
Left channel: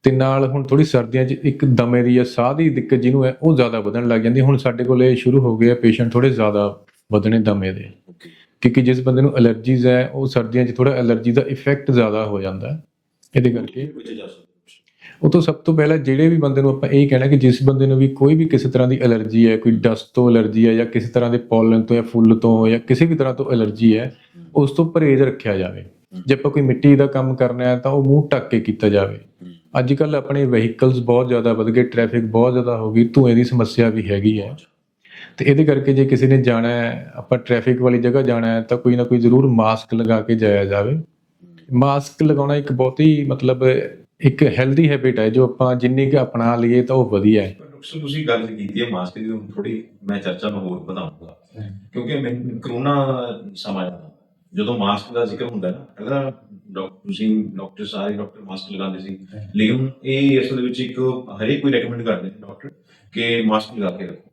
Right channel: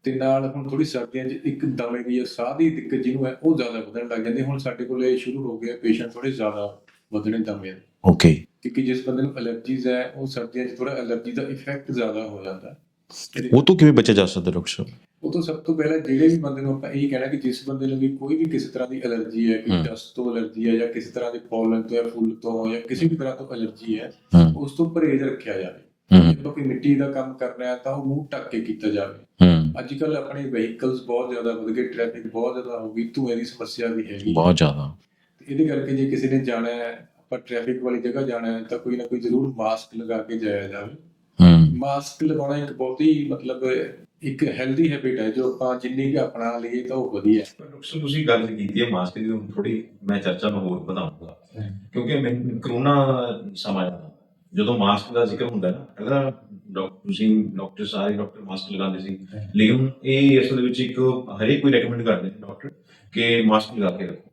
ਤੇ ਨਾਲ ਹੁਣ ਥੋੜੀ ਸਰਦੀਆਂ 'ਚ ਇੱਕ ਦਮੇ ਦੀ ਜਾਂ ਸਾਹ ਦੀ ਦਿੱਕਤ ਜਿਹਨੂੰ ਹੈ ਉਹ ਜ਼ਿਆਦਾ ਵਧਣ ਲੱਗ ਜਾਂਦੀ। ਹੁਣ ਸਾਡੇ ਕੋਲੇ ਸ਼ੁਰੂ ਹੋ ਗਏ ਆ ਪੇਸ਼ੈਂਟ ਥੋੜੇ ਜ਼ਿਆਦਾ ਵਧਣੇ ਦਮੇ ਦੇ। ਓਕੇ ਕਿਉਂਕਿ ਜਿਸ ਬੰਦੇ ਨੂੰ ਅਲਰਜੀਜ਼ ਹੈ ਉਹ ਸਰਦੀਆਂ 'ਚ ਥੋੜਾ ਅਲਰਜੀ ਦਾ ਇਫੈਕਟ ਜ਼ਿਆਦਾ ਹੋ ਜਾਂਦਾ। ਹੈ ਇਹਦੇ ਉਹ ਤੋਂ ਕਿਵੇਂ ਬਚਿਆ ਜਾ ਸਕਦਾ ਡਾਕਟਰ ਸਾਹਿਬ? ਉਹ ਤੋਂ ਸਭ ਤੋਂ ਪਹਿਲਾਂ ਜਿਹੜੇ ਵੀ ਬੰਦੇ ਨੂੰ ਆਪਾਂ ਇਹ ਕਹਿਣਾ ਕਿ ਜਿਸ ਬੰਦੇ ਨੂੰ ਵੀ ਕੋਈ ਵੀ ਕਿਸੇ ਤਰ੍ਹਾਂ ਦੀ ਅਲਰਜੀ ਹੈ ਕੋਈ। ਡਸਟ ਤੋਂ ਅਲਰਜੀ ਹੈ ਜਾਂ ਕਿਸੇ ਤਰ੍ਹਾਂ ਦੇ ਪੋਲਨ ਤੋਂ ਜਾਂ ਫੁੱਲ ਤੋਂ ਜਾਂ ਕਿਸੇ ਵੀ ਤਰ੍ਹਾਂ ਤੋਂ ਅਲਰਜੀ ਹੈ ਉਸ ਤੋਂ ਪਰਹੇਜ਼ ਰੱਖਿਆ ਜਾਵੇ। ਜੇ ਆਪਾਂ ਕੋਈ ਮਿੱਟੀ ਦਾ ਕੰਮ ਕਰਨਾ ਹੈ ਤਾਂ ਉਹ ਮੂੰਹ ਢੱਕ ਕੇ ਕੀਤਾ ਜਾਵੇ। ਅੱਜ ਕੱਲ ਆਪਣੇ ਵਹੀਕਲਸ ਬਹੁਤ ਜ਼ਿਆਦਾ ਵਧ ਗਏ ਟ੍ਰੈਫਿਕ ਬਹੁਤ ਜ਼ਿਆਦਾ ਹੋ ਗਈ ਧੂਏ ਦੀ ਸਮੱਸਿਆ ਵੀ ਹੈਗੀ ਬਹੁਤ ਜ਼ਿਆਦਾ। ਤੇ ਇਹਦੇ ਕਰਕੇ ਜੇ ਕਿਸੇ ਨੇ ਜਾਣਾ ਹੈ ਆਪਾਂ ਟ੍ਰੈਫਿਕ ਵਾਲੀ ਜਗ੍ਹਾ ਜਾਣਾ ਹੈ ਤਾਂ ਕੋਈ ਨਾ ਕੋਈ ਜ਼ਰੂਰ ਮਾਸਕ ਲਗਾ ਕੇ ਜਾਇਆ ਜਾਵੇ। ਮਾਸਕ ਲਗਾਉਣਾ ਇੱਕ ਬਹੁਤ ਹੀ ਮਤਲਬ ਇੱਕ ਹੈਲਦੀ ਹੈਬਿਟ ਹੈ, ਜੋ ਆਪਾਂ ਜਿੰਨੀ ਕਿ ਅਪਣਾ ਲਈਏ ਤਾਂ ਉਹ ਵਧੀਆ ਹੈ। ਡਾਕਟਰ ਤੁਸੀਂ ਗੱਲ ਕੀਤੀ ਹੈ ਮਾਸਕ ਦੀ ਥੋੜੀ ਮੈਂ ਚਰਚਾ ਨੂੰ ਹੋਰ ਵਧਾਉਂਗਾ। ਕਿਉਂਕਿ ਮੈਨੂੰ ਕਰੋਨਾ ਸਮਾਂ ਜਦੋਂ ਮਾਸਕ ਦਾ ਜ਼ਿਕਰ ਹੁੰਦਾ ਨਾ ਅਗਰ ਡਾਕਟਰ ਤੁਸੀਂ ਡਾਕਟਰ ਸਾਰੇ ਡਾਕਟਰ ਮਾਸਕ ਲਗਾਉਂਦੇ ਸੀ। ਲੇਕਿਨ ਇਹ ਅਸਲ ਵਿੱਚ ਇੱਕ ਹਰੇਕ ਕੋਈ ਰეკਮੈਂਡ ਕਰਦੇ ਨੇ ਡਾਕਟਰ ਕਿ ਮਾਸਕ ਲਗਾ ਕੇ ਰੱਖੋ।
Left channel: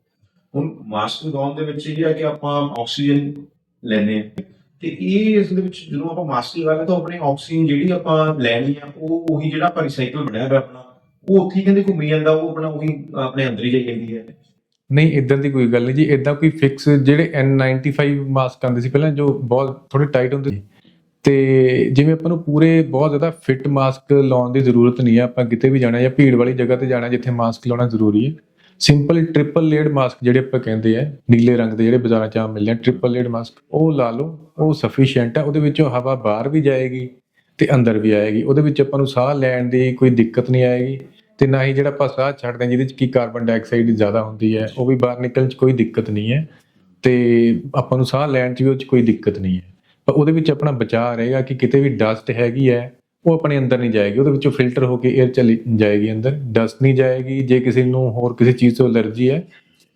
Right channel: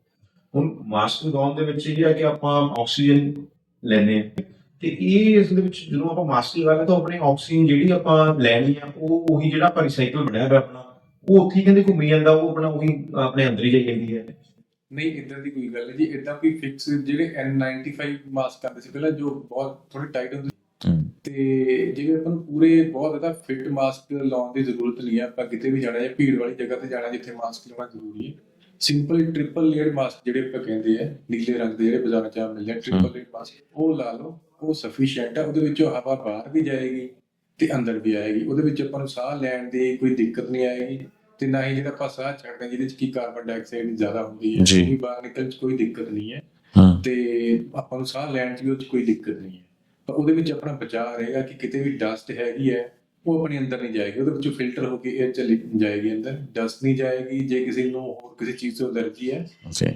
ਹੁਣ ਮਾਸਕ ਲਗਾਉਣ ਦੇ ਵਿੱਚ ਇਹ ਹੈ ਕਿ ਆਪਾਂ ਆਕਸੀਜਨ ਲੈਨੇ ਆ ਤੇ ਇਹ ਇਸ ਦੇ ਵਿੱਚ ਜਦੋਂ ਆਪਾਂ ਮਾਸਕ ਲਗਾਉਂਦੇ ਤਾਂ ਆਪਣੀ ਆਕਸੀਜਨ ਜਿਹੜੀ ਆਪਾਂ ਲੈਣੀ ਆ ਉਹ ਉਹੀ ਜਿਹੜਾ ਆਪਾਂ ਰਿਸਾਈਕਲ ਬਣਿਆ ਹੋਇਆ ਆਪਣਾ ਉਹ ਉੱਥੇ ਕਹਿੰਦੇ ਘੁੰਮੀ ਜਾਂਦਾ ਉਹ ਆਪਣਾ ਉਹੀ ਆਪਣੇ ਅੰਦਰ ਹੀ ਜਾਈ ਜਾਂਦੀ ਹੈ। ਨਹੀਂ ਇਦਾਂ ਦੀ ਕੋਈ ਗੱਲ ਨਹੀਂ ਜੀ ਇਦਾਂ ਕੋਈ ਫਿਕਸ ਜਿਹੜੇ N95 ਮਾਸਕ ਆਉਂਦੇ ਸੀ ਪਹਿਲਾਂ ਜੋ ਬਹੁਤ ਥੋੜੇ ਟਾਈਟ ਹੁੰਦੇ ਸੀ। ਤੇ ਜਿਵੇਂ ਆਪਾਂ ਨੂੰ ਪੂਰੇ ਬਹੁਤ ਜ਼ਿਆਦਾ ਫਿੱਟ ਮਾਸਕ ਲਾਉਣ ਦੀ ਜ਼ਰੂਰਤ ਨਹੀਂ ਹੈ ਆਪਾਂ ਕਿਤੇ ਵੀ ਜਾਣਾ ਜਾਂ ਭੀੜ ਵਾਲੀ ਜਗ੍ਹਾ ਤੇ ਜਾਣਾ ਜਿੱਥੇ ਮਾਸਕ ਲਾਉਣਾ ਜ਼ਰੂਰੀ ਹੈ। ਸਿੰਪਲ ਟ੍ਰਿਪਲ ਲੇਅਰਡ ਮਾਸਕ ਜਿਹੜੇ ਆਪਾਂ ਕਹਿੰਦੇ ਆ ਨੀਲੇ ਰੰਗ ਦੇ ਜਿਹੜੇ ਬਾਜ਼ਾਰਾਂ 'ਚ ਆ ਮਿਲਦੇ ਆ ਟ੍ਰਿਪਲ ਲੇਅਰਡ ਮਾਸਕ ਉਹ ਲਾ ਲਓ ਉਹ ਸਫੀਸ਼ੀਐਂਟ ਹੈ ਉਹਦੇ ਵਿੱਚੋਂ ਹਵਾ ਬਾਹਰ ਵੀ ਜਾਏਗੀ ਤੇ ਅੰਦਰ ਵੀ ਆਏਗੀ। ਉਹਦੇ ਵਿੱਚ ਆਪਾਂ ਨੂੰ ਸਾਹ ਲੈਣ ਦੀ ਕੋਈ ਦਿੱਕਤ ਨਹੀਂ ਆਏਗੀ ਤੇ ਨਾ ਹੀ ਜਿਹੜਾ ਆਪਾਂ ਸਾਹ ਛੱਡਦੇ ਹਾਂ ਜਿਹਦੇ 'ਚ ਕੀ ਕਾਰਬਨ ਡਾਈਆਕਸਾਈਡ ਜ਼ਿਆਦਾ ਹੁੰਦੀ ਹੈ। ਉਹ ਵੀ ਬਾਹਰ ਨਿਕਲਣ 'ਚ ਕੋਈ ਦਿੱਕਤ ਨਹੀਂ ਹੂੰ ਤੇ ਆਪਾਂ ਨੂੰ ਸਾਹ ਲੈਣ 'ਚ ਵੀ ਉਹ 'ਚ ਕੋਈ ਦਿੱਕਤ ਨਹੀਂ ਹੈ। ਪਰ ਉਹਦੇ ਵਿੱਚ ਆਪਣਾ ਬਚਾਅ ਰਹੇਗਾ ਕਿ ਕਿਤੇ ਵੀ ਡਸਟ ਹੈਗੀ ਹੈ ਉਹ ਆਪਣੇ ਅੰਦਰ ਨਹੀਂ ਜਾਏਗੀ ਉਹਦੇ ਵਿੱਚੋਂ ਫਿਲਟਰ ਹੋ ਕੇ 에ਅਰ ਚਲੀ ਜਾਏਗੀ ਅੰਦਰ ਡਸਟ ਨਹੀਂ ਜਾਏਗੀ ਜੇ ਕਿਸੇ ਨੂੰ ਹੋਰ ਕਿਸੇ ਚੀਜ਼ ਤੋਂ ਅਲਰਜੀ ਹੈ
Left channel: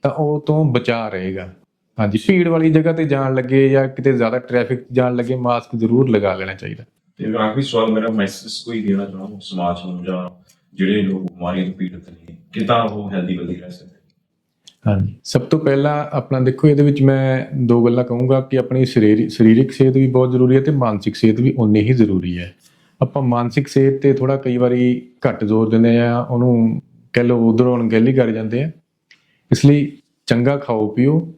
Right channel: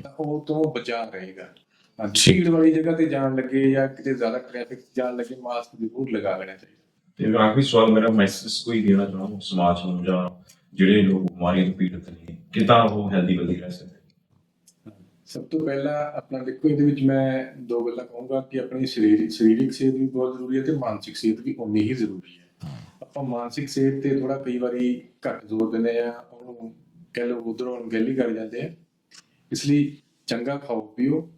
ਤਾਂ ਉਹ ਤੋਂ ਬਚਾਅ ਰਹੇਗਾ। ਹਾਂਜੀ। ਭੀੜ ਵਾਲੀ ਜਗ੍ਹਾ ਤੇ ਜਾਣ ਲੱਗੇ ਜਾਂ ਕਿਤੇ ਜ਼ਿਆਦਾ ਟ੍ਰੈਫਿਕ ਜਾਣ ਲੱਗੇ ਮਾਸਕ ਜ਼ਰੂਰ ਲਗਾ ਲੈਣਾ ਚਾਹੀਦਾ। ਤੇ ਆਖਰੀ ਸਵਾਲ ਮੇਰਾ ਮੈਸੇਜ ਕੋਈ ਦੇਣਾ ਚਾਹਾਂ ਸਮਾਜ ਨੂੰ ਜਾਂ ਜਿਹੜੇ ਲੋਕ ਬਿਮਾਰੀਆਂ ਤੋਂ ਪੀੜਤ ਨੇ ਕਿਦਾਂ ਉਹ ਹੈਲਦੀ ਬਲਦੀ ਰਹਿ ਸਕਦੇ? ਹਾਂਜੀ। ਸਭ ਤੋਂ ਪਹਿਲਾਂ ਆਪਣਾ ਦੇਖੋ ਇਹਦੇ ਵਿੱਚ ਮੈਂ ਦੋ ਗੱਲਾਂ ਕਹੂੰਗਾ ਕਿ ਆਪਣੀ ਸਰੀਰ ਸਰੀਰਕ ਸਿਹਤ ਵੀ ਬਹੁਤ ਜ਼ਰੂਰੀ ਹੈ ਤੇ ਮਾਨਸਿਕ ਸਿਹਤ ਵੀ ਉਨੀ ਹੀ ਜ਼ਰੂਰੀ ਹੈ। ਆਪਾਂ ਮਾਨਸਿਕ ਸਿਹਤ ਤੇ ਥੋੜਾ ਕਈ ਵਾਰੀ ਘੱਟ ਜ਼ੋਰ ਦਿੰਦੇ ਆ ਉਹਨੂੰ ਕਹਿ ਲਓ ਉਧਰੋਂ ਅਣਗਹਿਲੀ ਕਰ ਜਾਂਦੇ ਆ ਇਸ ਲਈ ਚੰਗਾ ਖਾਓ ਪੀਓ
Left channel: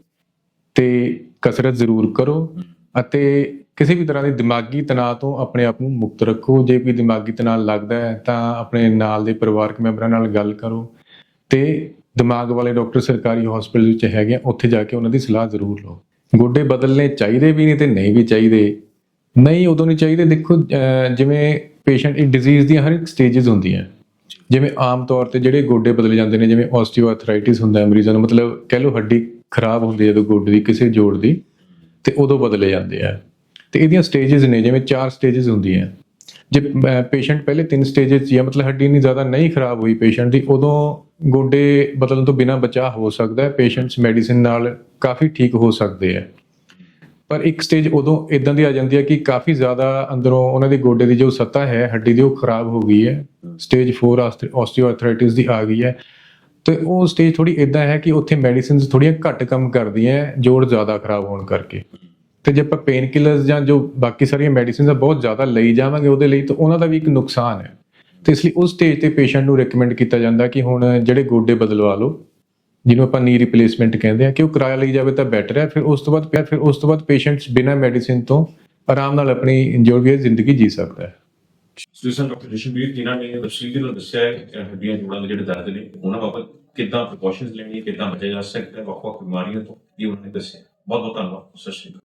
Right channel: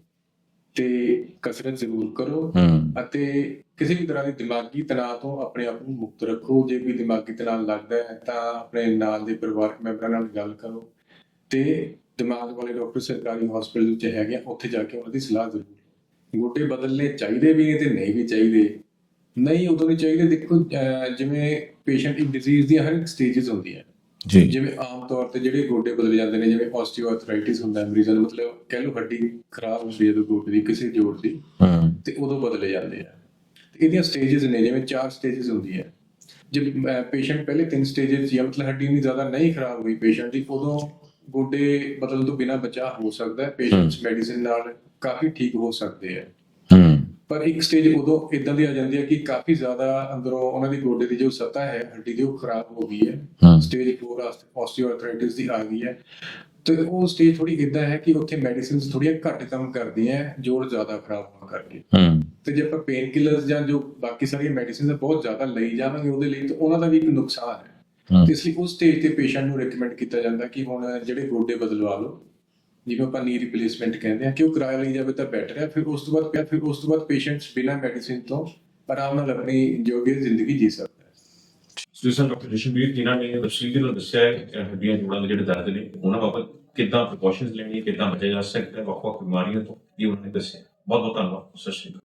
ਤੇ ਕਸਰਤ ਜ਼ਰੂਰ ਕਰੋ ਅਤੇ ਕਿਸੇ ਵੀ ਤਰ੍ਹਾਂ ਦੇ ਦਿਮਾਗੀ ਤਣਾਅ ਤੋਂ ਆਪਣੇ ਆਪ ਨੂੰ ਮੁਕਤ ਰੱਖੋ। ਜੇ ਕੋਈ ਦਿਮਾਗੀ ਤਣਾਅ ਲੱਗਦਾ ਹੈ ਤਾਂ ਆਪਣੇ ਨਾਲ ਦੇ ਪਰਿਵਾਰਕ ਮੈਂਬਰਾਂ ਨਾਲ ਗੱਲ ਕਰੋ ਤੇ ਦਿਮਾਗ ਵਾਲੇ ਡਾਕਟਰ ਸਰਕਾਰੀ ਹਸਪੀਟਲ ਵਿੱਚ ਹੈਗੇ ਆ ਉੱਥੇ ਜਾ ਕੇ ਉਹਨਾਂ ਦੀ ਸਲਾਹ ਜ਼ਰੂਰ ਲਓ। ਗੋਡੇ ਬਦਲਨੇ ਚਾਹੀਦੇ ਵੀ ਨੇ ਤੇ ਨਹੀਂ ਵੀ ਚਾਹੀਦੇ। ਨਹੀਂ ਉਦੋਂ ਨਹੀਂ ਚਾਹੀਦੇ। ਦੇਖੋ ਜਿਵੇਂ ਪੇਸ਼ੈਂਟ ਇਹ ਡਿਜ਼ੀਜ਼ ਦੀਆਂ ਹਰ ਇੱਕ ਸਟੇजेस ਹੁੰਦੀਆਂ। ਜੀ। ਜਿਵੇਂ ਆਮ ਤੌਰ ਤੇ ਜਿਹੜੇ ਗੋਡੇ ਬਦਲੇ ਜਾਂਦੇ ਨੇ ਜਿਵੇਂ ਆਸਟੀਓਆਰਥਰਾਈਟਿਸ ਹੁੰਦਾ ਹੈ ਮਰੀਜ਼ਾਂ ਨੂੰ ਮਤਲਬ ਕਹਿ ਲਓ ਹੱਡੀ ਖਰਾਬ ਹੁੰਦੀ ਹੈ ਜਦੋਂ ਗੋਡੇ ਦੀ ਕਿਸੇ ਜੋੜ ਦੀ ਤੇ ਉਦੋਂ ਬਦਲੇ ਜਾਂਦੇ ਆ। ਤੇ ਇਹਦੀਆਂ ਸਟੇजेस ਨੇ ਜਿਵੇਂ ਚਾਰ ਸਟੇजेस ਹੁੰਦੀਆਂ। ਜੇ ਪੇਸ਼ੈਂਟ ਪਹਿਲੇ ਤਿੰਨ ਸਟੇजेस ਜਾਂ ਮਤਲਬ ਹੱਡੀ ਨਹੀਂ ਜ਼ਿਆਦਾ ਨਹੀਂ ਖਰਾਬ ਹੋਈ ਪੇਸ਼ੈਂਟ ਦੀ ਉਦੋਂ ਗੋਡੇ ਬਦਲਣ ਤੋਂ ਬਿਨਾ ਬਚਾਅ ਹੋ ਸਕਦਾ ਹੈ। ਪੇਸ਼ੈਂਟਸ ਮੈਡੀਸਿਨ ਨਾਲ ਕਾਫੀ ਠੀਕ ਹੋ ਸਕਦੇ ਆ। ਪਰ ਇੱਕ ਸਟੇਜ ਉਦੋਂ ਇਦਾਂ ਦੀ ਆ ਜਾਂਦੀ ਹੈ ਕਿ ਕਾਫੀ ਜ਼ਿਆਦਾ ਅੰਦਰੋਂ ਉਹਨਾਂ ਦੇ ਗੋਡੇ ਦੀ ਜੋ ਸਤ੍ਹਾ ਹੈ ਹੱਡੀ ਦੀ ਉਹ ਖਰਾਬ ਹੋ ਗਈ ਹੈ। ਸਟੇਜ 4 ਆਸਟੀਓਆਰਥਰਾਈਟਿਸ ਦੀ ਆ ਗਈ ਹੈ। ਤੇ ਉਹ ਸਟੇਜ ਥੋੜੀ ਇਦਾਂ ਹੈ ਕਿ ਉੱਥੇ ਮੈਡੀਸਿਨਸ ਥੋੜੀਆਂ ਘੱਟ ਕੰਮ ਕਰਦੀਆਂ ਹੈ, ਜੋੜ ਜ਼ਿਆਦਾ ਖਰਾਬ ਹੋਣ ਕਰਕੇ। ਤੇ ਜੇ ਆਪਾਂ ਪੇਨ ਕਿਲਰਸ ਜਾਂ ਜੋ ਬਾਕੀ ਸਾਰੀਆਂ ਮੈਡੀਸਿਨਸ ਆ ਬਹੁਤ ਜ਼ਿਆਦਾ ਲਈ ਜਾਵਾਂਗੇ ਉਹਦੇ ਲਈ ਤਾਂ ਉਹਨਾਂ ਦਾ ਵੀ ਇੱਕ ਨੁਕਸਾਨ ਹੈ। ਤੇ ਇਸ ਲਈ ਉਸ ਸਟੇਜ ਤੇ ਪੇਸ਼ੈਂਟ ਨੂੰ ਰეკਮੈਂਡ ਕੀਤਾ ਜਾਂਦਾ ਕਿ ਹੁਣ ਜਿਹੜੇ ਗੋਡੇ ਬਦਲਵਾ ਲਓ। ਜਿਹਨੂੰ ਆਪਾਂ ਨੀ ਰਿਪਲੇਸਮੈਂਟ ਕਹਿੰਦੇ ਆ ਕਿ ਉਹ ਕਿਰਾਇਆ ਲਈ ਜਾਵੇ ਤਾਂ ਬੈਟਰ ਹੈ, ਫਿਰ ਉਸ ਤੋਂ ਬਾਅਦ ਫਿਰ ਉਸ ਤੋਂ ਬਾਅਦ ਪੇਸ਼ੈਂਟਸ ਬਿਨਾਂ ਮੈਡੀਸਿਨ ਤੋਂ ਆਰਾਮ ਨਾਲ ਆਪਣੀ ਜੋ ਵੀ ਜ਼ਿੰਦਗੀ ਜੀ ਸਕਦਾ ਹੈ। ਸਟੂਡੈਂਟ ਡਾਕਟਰ ਰਿਸ਼ਵੀਰ ਜਿਨ੍ਹਾਂ ਨੇ ਤਫਸੀਲ ਨਾਲ ਦੱਸਿਆ ਹੈ ਹੱਡੀਆਂ ਜੋੜਾਂ ਦੇ ਜਿਹੜੇ ਦਰਦ ਨੇ, ਉਹਨਾਂ ਬਾਬਤ ਕਿੱਦਾਂ ਪ੍ਰੀਕਾਸ਼ਨਸ ਲੈਣੀ ਕਿੱਦਾਂ ਬਚਿਆ ਜਾ ਸਕਦਾ ਹੈ, ਵੱਖ-ਵੱਖ ਬਿਮਾਰੀਆਂ ਤੋਂ ਇਹ ਉਹਨਾਂ ਨੇ ਦੱਸਿਆ। ਬਹੁਤ ਬਹੁਤ ਧੰਨਵਾਦ, ਸਤਿ ਸ਼੍ਰੀ ਅਕਾਲ।